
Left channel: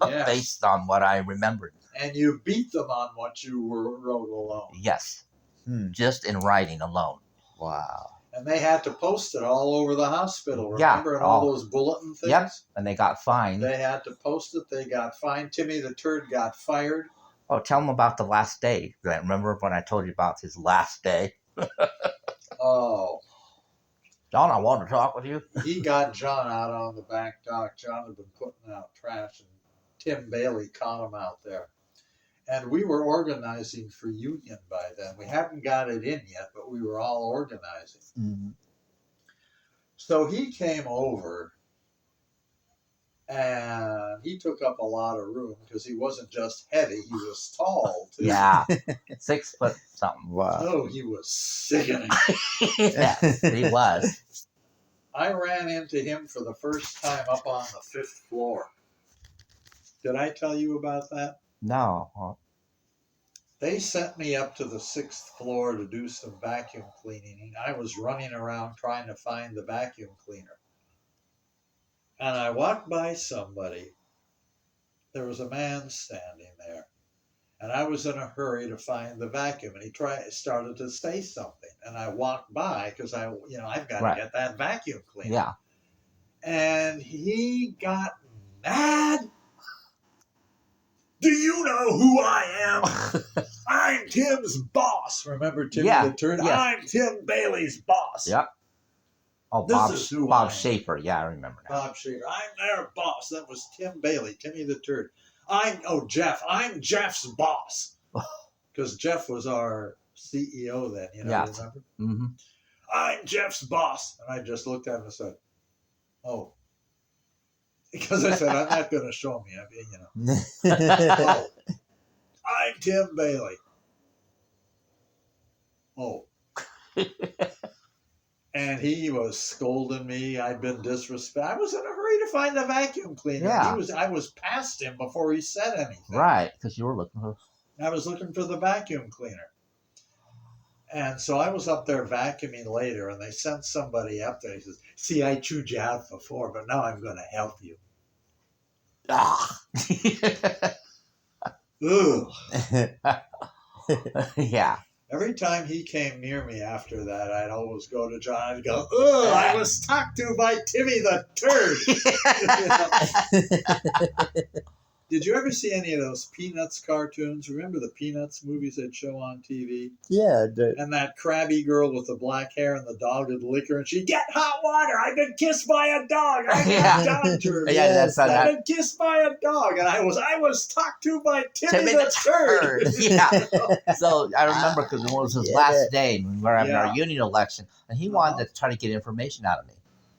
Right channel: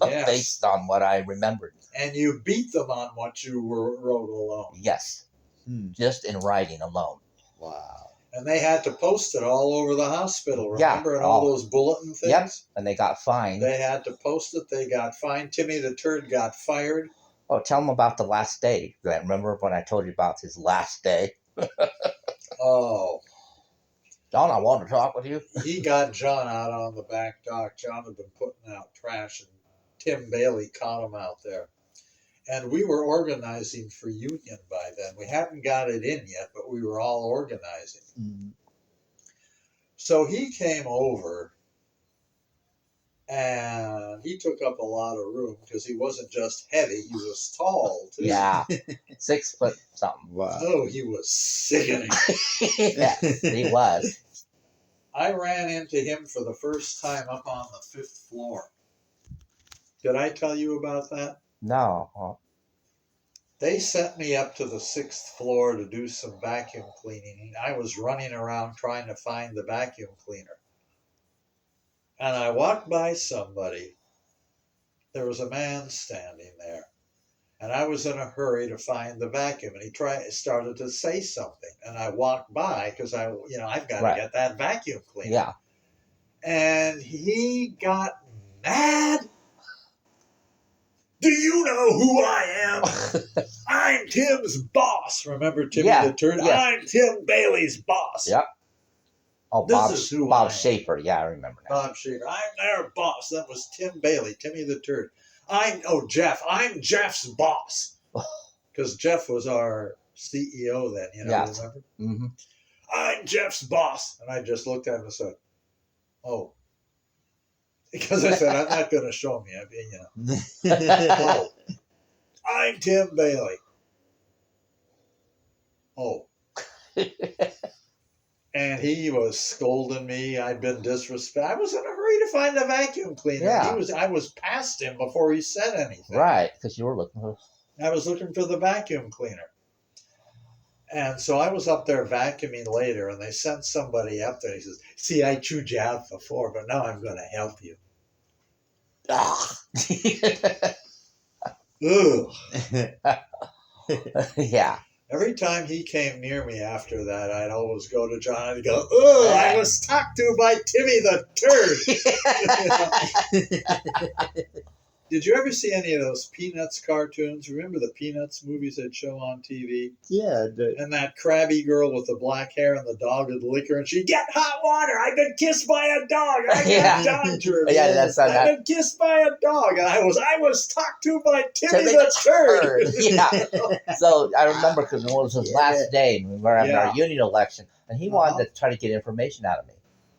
Yes. based on what I remembered. And you beat them on what you wrote alone. Yes, Hmm. just in writing alone. Wow. And they had to post it all over the hospital, Yeah, remember? And all all- those bulletin things? Yep. And they got fined. They had to post it. They got fined. Timmy the Turd got fired. Oh, tell them about the last day. Remember when I told you about his last day? Oh, John, I want to talk with you. he got John out on the back dock. John had been putting out trash, and Tim Bailey caught him out there. And we were organizing for union by then. We hadn't got it in yet, but we were all organizing. Mm. So he came over, and he took up a lot of room because he wasn't just heavy, he was tall too. Yeah, 6 foot something. Wow. Oh, he was sickening. Yes, he was. I ran into him for the first time up on the 5th floor. Did I tell you about that? No. Oh, They sent me up to the 6th floor to do some vacuum cleaning. I was running around trying to find the vacuum cleaner. And I walked by somebody. There was a man standing there. And I was in a hurry to find the vacuum. And he started to say something. And I walked by because I've got Right. to get that vacuum cleaner. yeah. And he got mad. Do you know who I am? I'm Tim's boss. Remember Timmy Yeah, the Turd? yes. I'm Tim Bailey's boss. Yep. Oh, This is who I Bob am. Schaefer. Yeah, I remember now. Bob Schaefer. I'm their boss. That was Tim Bailey, Timmy the Turd. Jeff. I'm Jeff's boss. Because Jeff was our CEO then, Yeah. remember? Mm-hmm. I'm Jeff's boss. And I just looked at him and said, oh. Because I said, I'm not going to show me. Oh, I'm Tim Bailey. Oh. And he was scolding me. I'd been disrespectful. I was in a hurry to find a vacuum cleaner. Yeah. I was past him before he said anything. Right, because you were looking for. I was looking for the vacuum cleaner. And so I was up there vacuuming later, and they sent somebody up there. He says, see, I chewed you out before, but now I'm going to help you. Ah. Ugh. Yeah. Every time he came near me after that, I'd always go to John and go, ugh, I was talked to by Timmy the Turd. Did you ever see any of those Peanuts cartoons? Remember the Peanuts movies they'd show on TV? Yeah. And that crabby girl with the black hair and the dog would lick her, and she'd get hot water. I've been kissed by a dog. I Yeah. got down to her. Yeah, that's not I've been kissed by a dog, and I was talked to by Timmy the Turd. Yeah. So I remember because it was his Yeah. last day. We were having Yeah. our union election, and he wanted to try to get information out of me.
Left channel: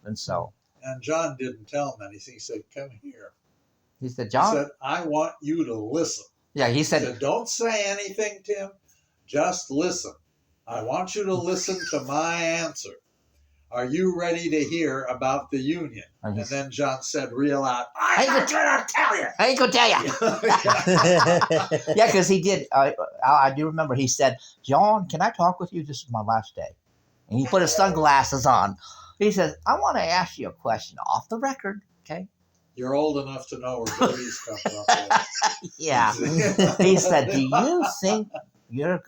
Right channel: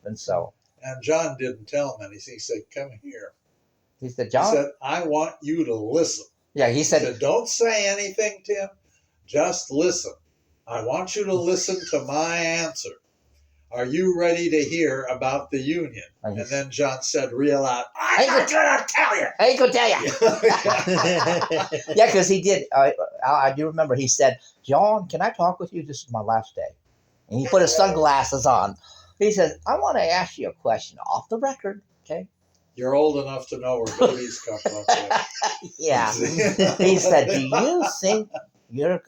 And so And John didn't tell him anything. He said, "Come here." he said, He John. said, "I want you to listen." Yeah, he He said, said, "Don't say anything, Tim. Just listen. I want you to listen to my answer. Are you ready to hear about the union?" and And then John said real loud, "I'm Hey, not going to tell you." I ain't gonna tell you. Yeah, because he did. I do remember he said, John, can I talk with you? This is my last day. And he put his sunglasses on. He says, I want to ask you a question off the record. Okay. You're old enough to know where babies come from. Yeah. He said, do you think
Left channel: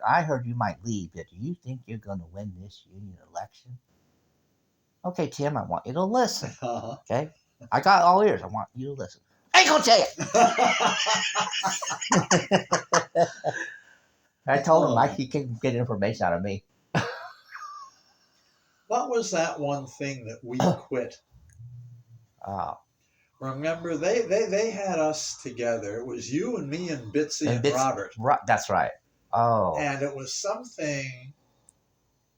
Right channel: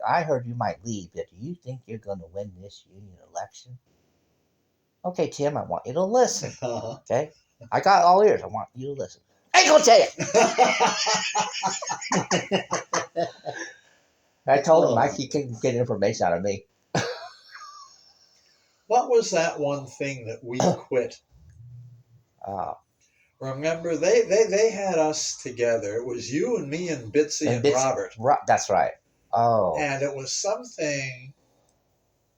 I heard you might leave, but do you think you're going to win this union election? Okay, Tim, I want you to listen. Uh-huh. Okay. I got all ears. I want you to listen. I ain't gonna tell you. I told him he couldn't get information out of me. What was that one thing that we quit Oh, Remember, they had us together. It was you and me and Bitsy and Bits- Robert. That's right. Oh, And it was something,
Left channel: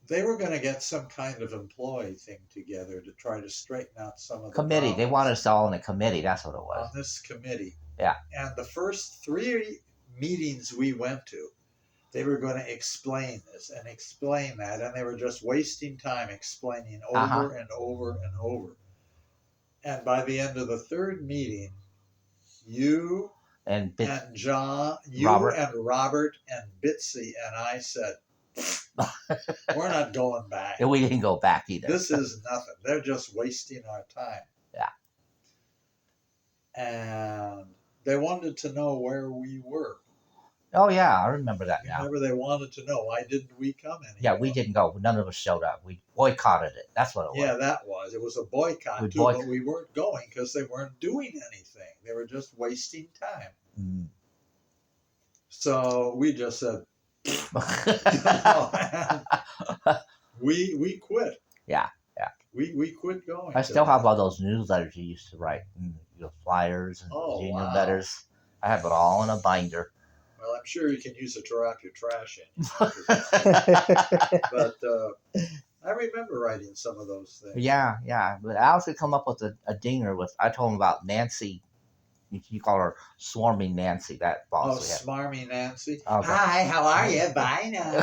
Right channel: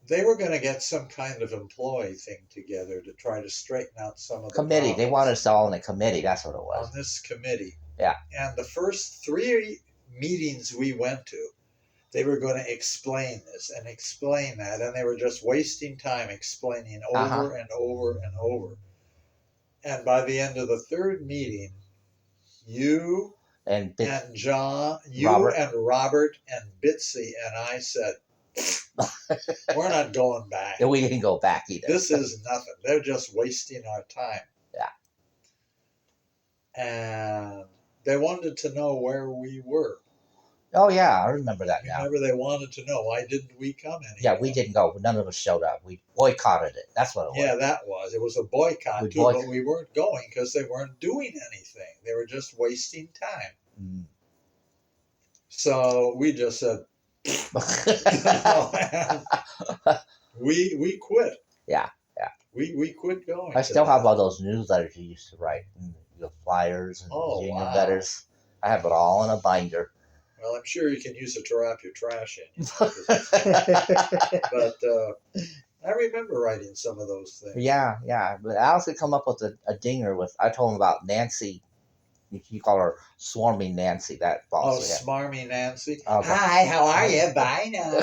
they were going to get some kind of employee thing together to try to straighten out some of the committee. They problems wanted us all in a committee. That's what it on was. this committee. Yeah. And the first 3 meetings we went to, they were going to explain this and explain that, and they were just wasting time explaining over Uh-huh. and over and over. And by the end of the 3rd meeting, you And and John, you Robert. and Robert and Bitsy and I said, we're not going back. we didn't go back either. This is nothing. They're just wasting our time. Yeah. And they wanted to know where we were. Oh yeah, I remember that now. Remember, they wanted to know why didn't we come anymore? Yeah, we didn't go. None of us showed up. We boycotted it. That's what it was. Yeah, that was. It was a boycott We too, but we weren't going because they weren't doing anything. They were just wasting time. Mm. So we just said, we quit. Yeah. We quit going. I to still that. have all those newsletters you used to write, the flyers and Oh, jingle wow. letters. I have it all in a binder. Well, I'm sure you can use it to wrap your trash in. But I remember writing some of those things. Yeah. But I also come up with a dinger with. I told him about Nancy. You call her Swarming Nancy. That Oh, boss. we had. Smarmy Nancy. Okay. Hi, how are you? Bye now.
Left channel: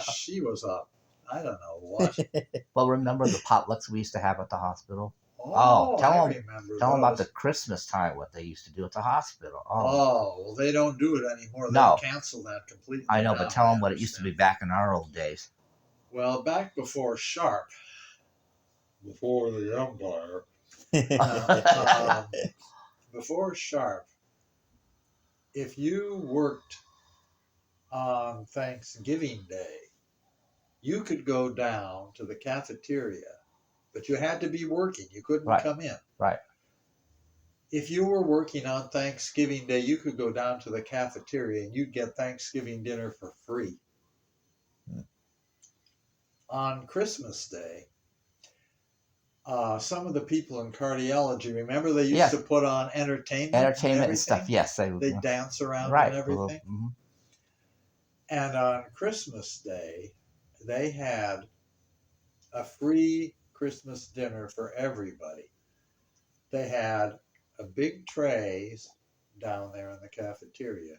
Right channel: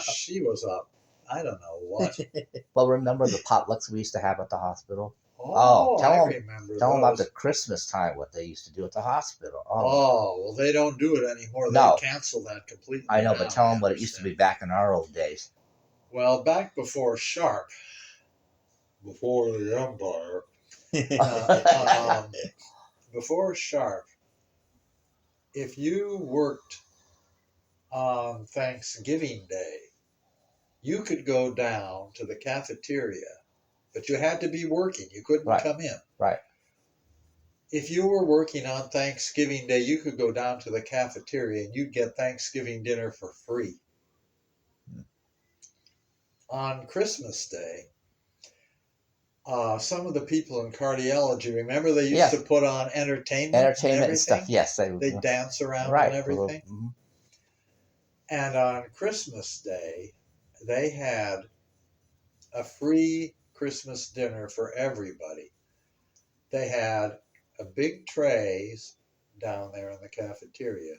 She was up. I don't know what. Well, remember the potlucks we used to have at the hospital? Oh, tell I 'em- remember Tell them about those. the Christmas time, what they used to do at the hospital. Oh, well, they don't do it anymore. No. They canceled that completely. I know, now, but tell I them what it used to be understand. back in our old days. Well, back before Sharp, before the Empire, before Sharp, if you worked on Thanksgiving Day, you could go down to the cafeteria, but you had to be working. You couldn't Right. come in. Right. If you were working on Thanksgiving Day, you could go down to the cafeteria and you'd get Thanksgiving dinner for free. Hmm. On Christmas Day, some of the people in cardiology, remember they used Yeah. to put on entertainment Entertainment and stuff. everything? Yes, They dance around right. and everything. Mhm. And on Christmas Day, they had a free Christmas dinner for everybody. They had a big trays down there in the cafeteria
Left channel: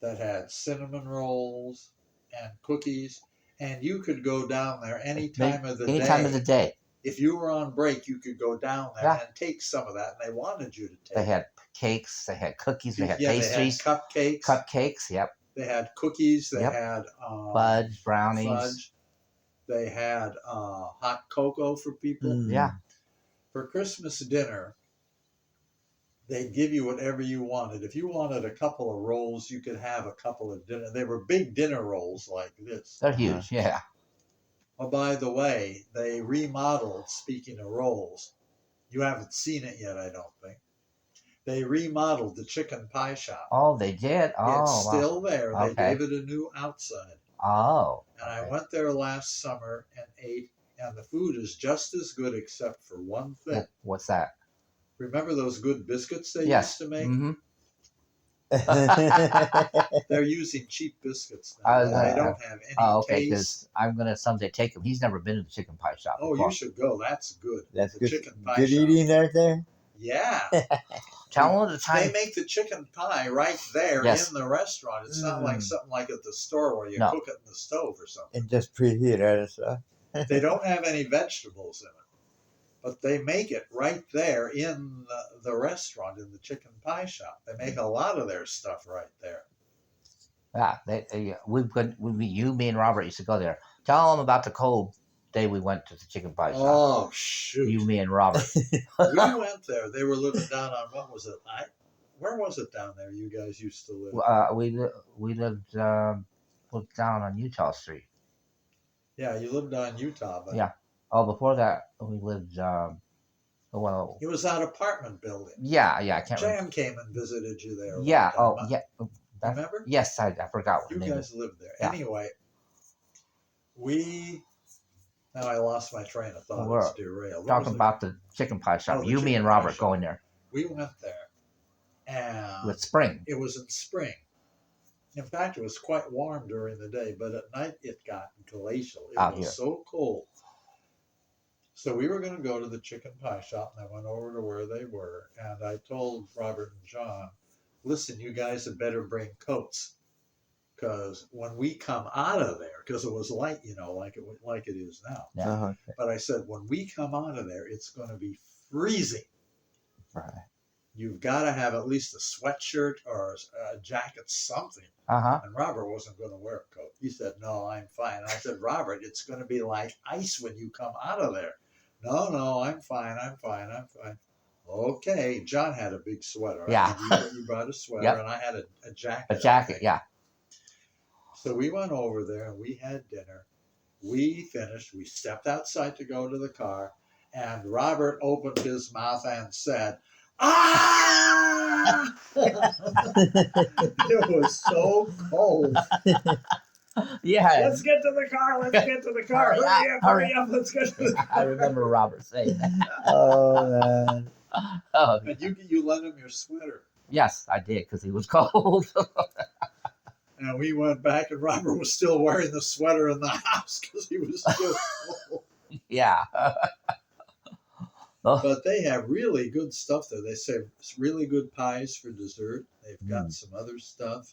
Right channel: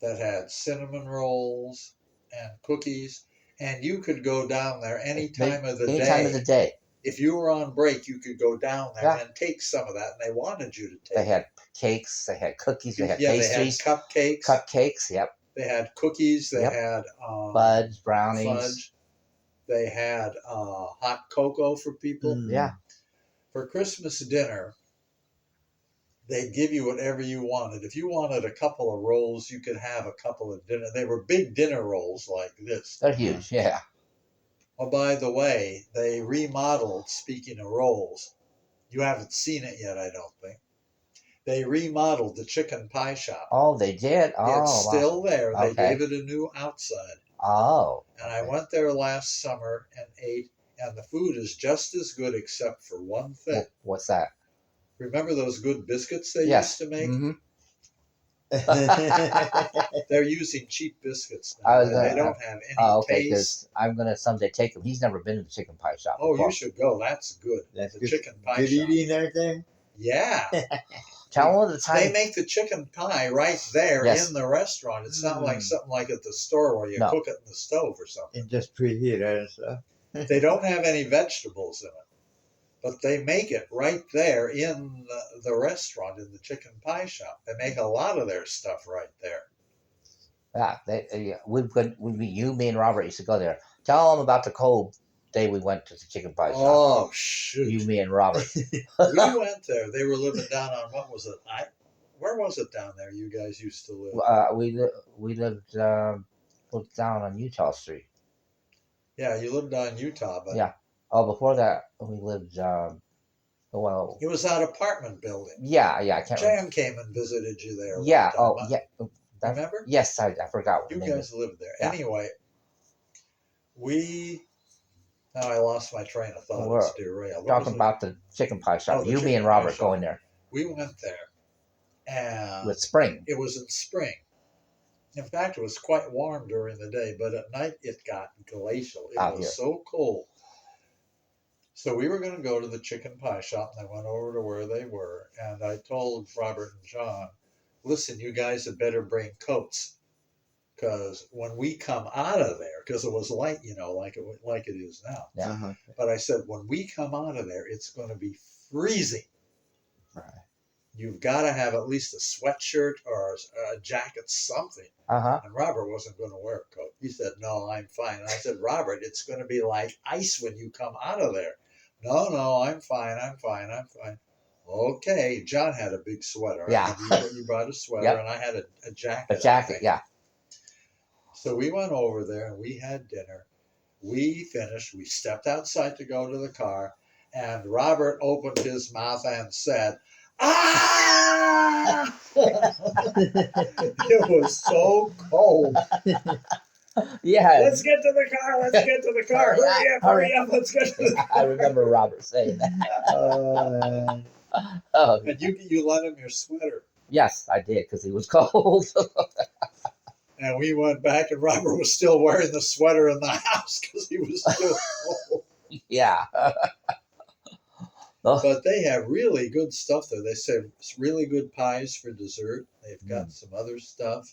that had cinnamon rolls and cookies, and you could go down there any time of the Any day. time of the day. If you were on break, you could go down there Yeah. and take some of that, and they wanted you to take They it. had cakes. They had cookies. They had Yeah, pastries. they had cupcakes. Cupcakes. Yep. They had cookies. They Yep. had Fudge, brownies. fudge. They had hot cocoa for people. Yeah. For Christmas dinner, they'd give you whatever you wanted. If you wanted a couple of rolls, you could have a couple of dinner. They were big dinner rolls like this. They're huge. Yeah. Oh, by the way, they remodeled, speaking of rolls, you haven't seen it yet, I don't think. They remodeled the chicken pie shop. Oh, they did. Oh, It's wow. still there. They Okay. gave it a new outside. Oh. And I okay. went there last summer and ate, and the food is just as good except for one thing. What's that? Remember those good biscuits they Yes. used to make? Mm-hmm. They're using cheap biscuits now. I was They gonna- don't have any Oh, okay. taste. Because I'm gonna someday take him. He's never been to the chicken pie shop. Oh, before. you should go. That's good. That's The good. chicken pie Good shop. eating right there. Yeah. Tell him the They time. make the chicken pie right there Yes. in the restaurant. It's not like Mm. something like at the store where you No. cook it in the stove or something. And just preheat it and stuff. They don't have any vegetables in it, but they make it right there in the restaurant in the chicken pie shop. They make a lot of their stuff right there. Yeah, you, me, and Robert used to go there. Tell them about the cold day we went to the chicken pie shop. Oh shoot! You, me, and Robert. We went there. They were living down on what was it? Where was it down there? You guys used to live. We lived looked down on Utah Street. Yeah, you lived on Utah, but Yeah. Oh, before that we lived. Well, it was that apartment building. yeah, I can't. Jan came and visited you there. one Yeah. time. Oh, yeah. Remember? Yes, I forgot what You the name guys lived there. Yeah. Anyway, Now I lost my train of thought. We're It's derailed. What Talking was it? about the chicken pie shop. Oh, the You, me, chicken and pie Robert shop. going there We went there, and with spring. it was in spring. In fact, it was quite warm during the day, but at night it got glacial. It Out was here. so cold. So we were going to go to the chicken pie shop, and I went over to where they were, and I told Robert and John, listen, you guys had better bring coats, because when we come out of there, because it was light, like it is now. Yeah. Uh-huh. But I said, when we come out of there, it's going to be freezing. Right. You've got to have at least a sweatshirt or a jacket, something. Uh-huh. And Robert wasn't going to wear a coat. He said, no, I'm fine. I said, Robert, it's going to be like ice when you come out of there. No, I'm fine. Okay. John had a big sweater. Yeah. You brought a sweater, Yep. and I had a jacket. A jacket, yeah. So we went over there, and we had dinner. We finished. We stepped outside to go to the car, and Robert opened his mouth and said, ah! It was so cold. Yeah. Let's get to the car. Hurry up. Let's get to the car. I remember Robert saying that. Oh man. Oh, And you lent him your sweater. yes, I did because he was cold. And we went back, and Robert was still wearing the sweater in the house because he was still cold. Yeah. Oh, But they have really good stuff there. They say really good pies for dessert. They've got some other stuff.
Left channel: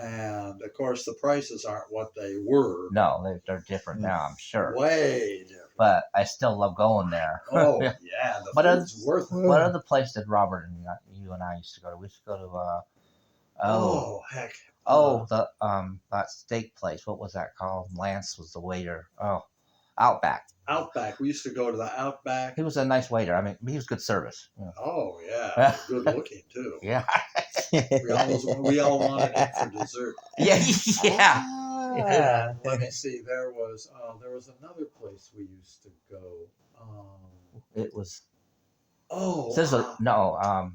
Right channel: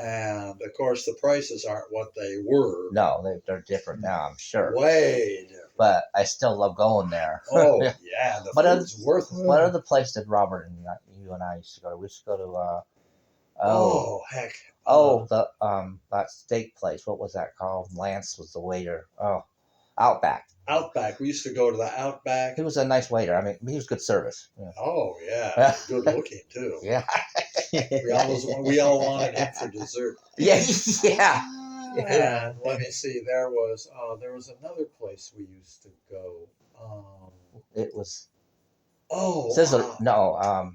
And of course, the prices aren't what they were. no, they're different now, I'm sure. Way different. But I still love going there. Oh, yeah. The But food's worth it. What other place did Robert and you and I used to go to? We used to go to Oh, heck. that steak place. What was that called? Lance was the waiter. Oh, Outback. Outback. We used to go to the Outback. He was a nice waiter. I mean, he was good service. Yeah. Oh, yeah. Good looking, too. Yeah. We all wanted it for dessert. Yeah. Yeah. And let me see. There was another place we used to go. It was Sizzler. Sizzler.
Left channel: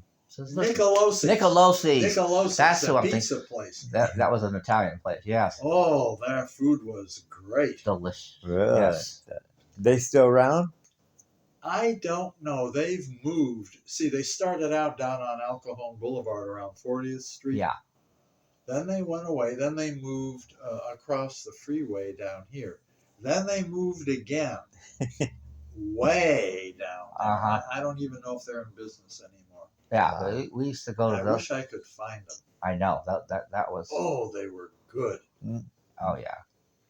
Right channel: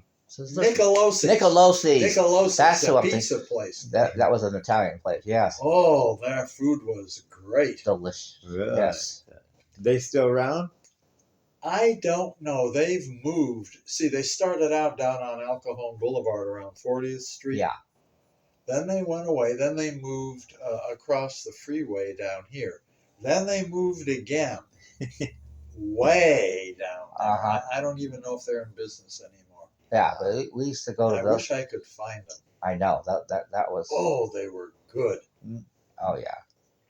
Nicolosi. Nicolosi. Nicolosi. That's That's who a I'm thinking. pizza place. That was an Italian place. Yes. Oh, their food was great. Delicious. Really? Yes. They still around? I don't know. They've moved. See, they started out down on El Cajon Boulevard around 40th Street. Yeah. Then they went away. Then they moved across the freeway down here. Then they moved again, way down there. Uh-huh. I don't even know if they're in business anymore. Yeah. But we used to go to I those. wish I could find them. I know that was. Oh, they were good. Oh yeah.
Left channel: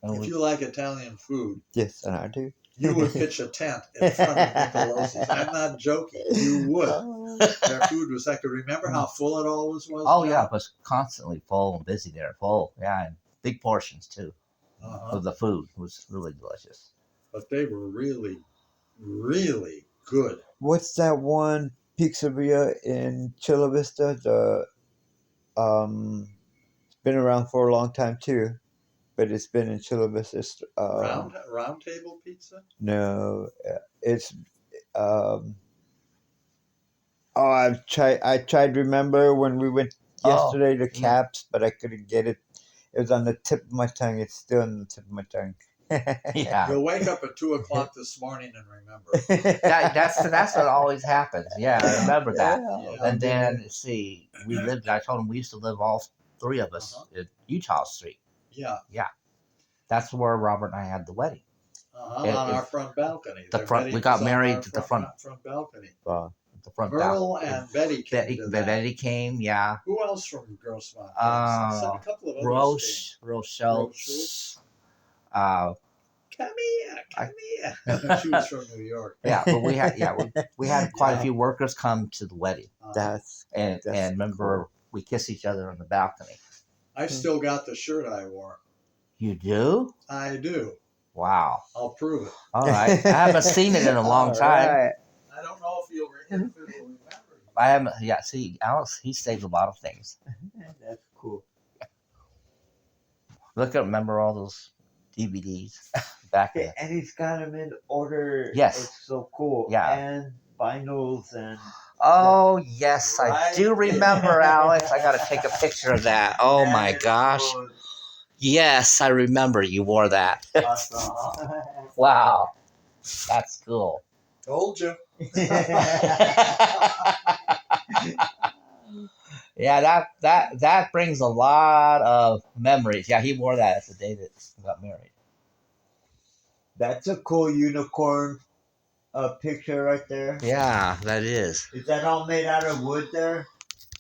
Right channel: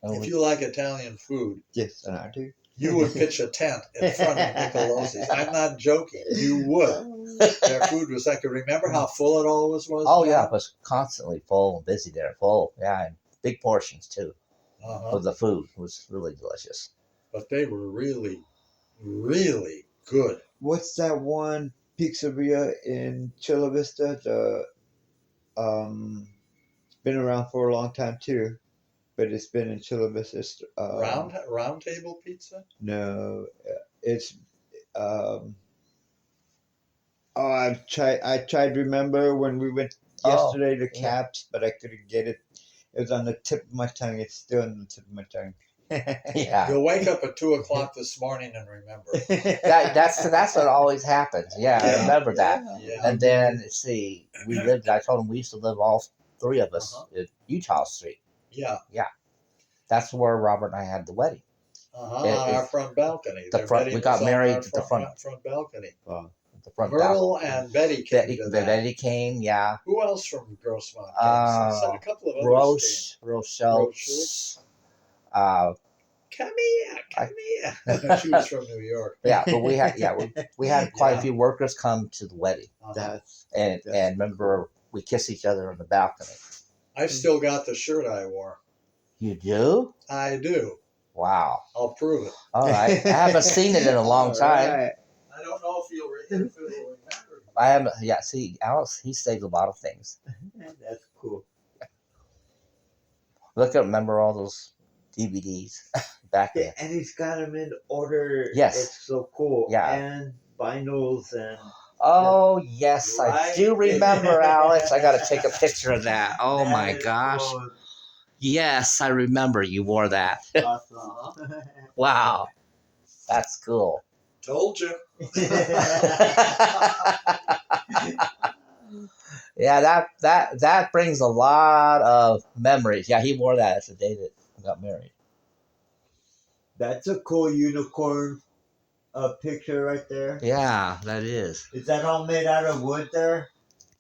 And If we- you like Italian food, Yes, and I do. you would pitch a tent in front of Nicolosi's. I'm not joking. You would. Their food was, I could remember how full it always was. Oh now. yeah, it was constantly full and busy there. Full. Yeah, and big portions too Uh-huh. of the food. It was really delicious. But they were really, really good. What's that one pizzeria in Chula Vista? It's been around for a long time too, but it's been in Chula Vista. Round table pizza? No, it's I tried to remember when we went yesterday to yeah. Caps, but I couldn't get it. It was on the tip of my tongue. It's still on the tip of my tongue. Yeah. You'll wake up at 2:00 this morning and remember. That's what always happens. Yeah, I remember that. Yeah. And then see, I told him we used to live all three of us Uh-huh. at Utah Street. Yeah. That's where Robert and I had the wedding. On It- our it's- front balcony. the Their front- wedding we got was on married our at the front. balcony. Wow. The front Merle and Betty came Betty, to that. Betty came, yeah. Who else from Grossmont came? So a couple of others Rochelle. Schultz. Uh, Come here. She was from New York. yeah, but we had quite Yeah. a few workers come to the wedding, That's and remember we kissed each other on the balcony. I've still got the shirt I wore. You do? I do. Wow. I'll prove it. All right. I haven't seen it in a long time. Alright. I don't know if it'll remember. I haven't. Yeah. See, Alex, he saves a lot of things. That's cool. Look at remember all those DVDs back then. And he's got them in order. Yes. It's so cool. Yeah. And vinyls and Oh yes, I Right. do remember, Alex. I got to take a picture of that. Oh my that gosh. was- Yes, I remember you wore that. Awesome. Wow, that's cool. Told you. Yeah, that brings a lot of memories. Yeah, he wore that as the day that he got married. That's a cool unicorn picture right there. Yeah, that is. Is that all made out of wood there?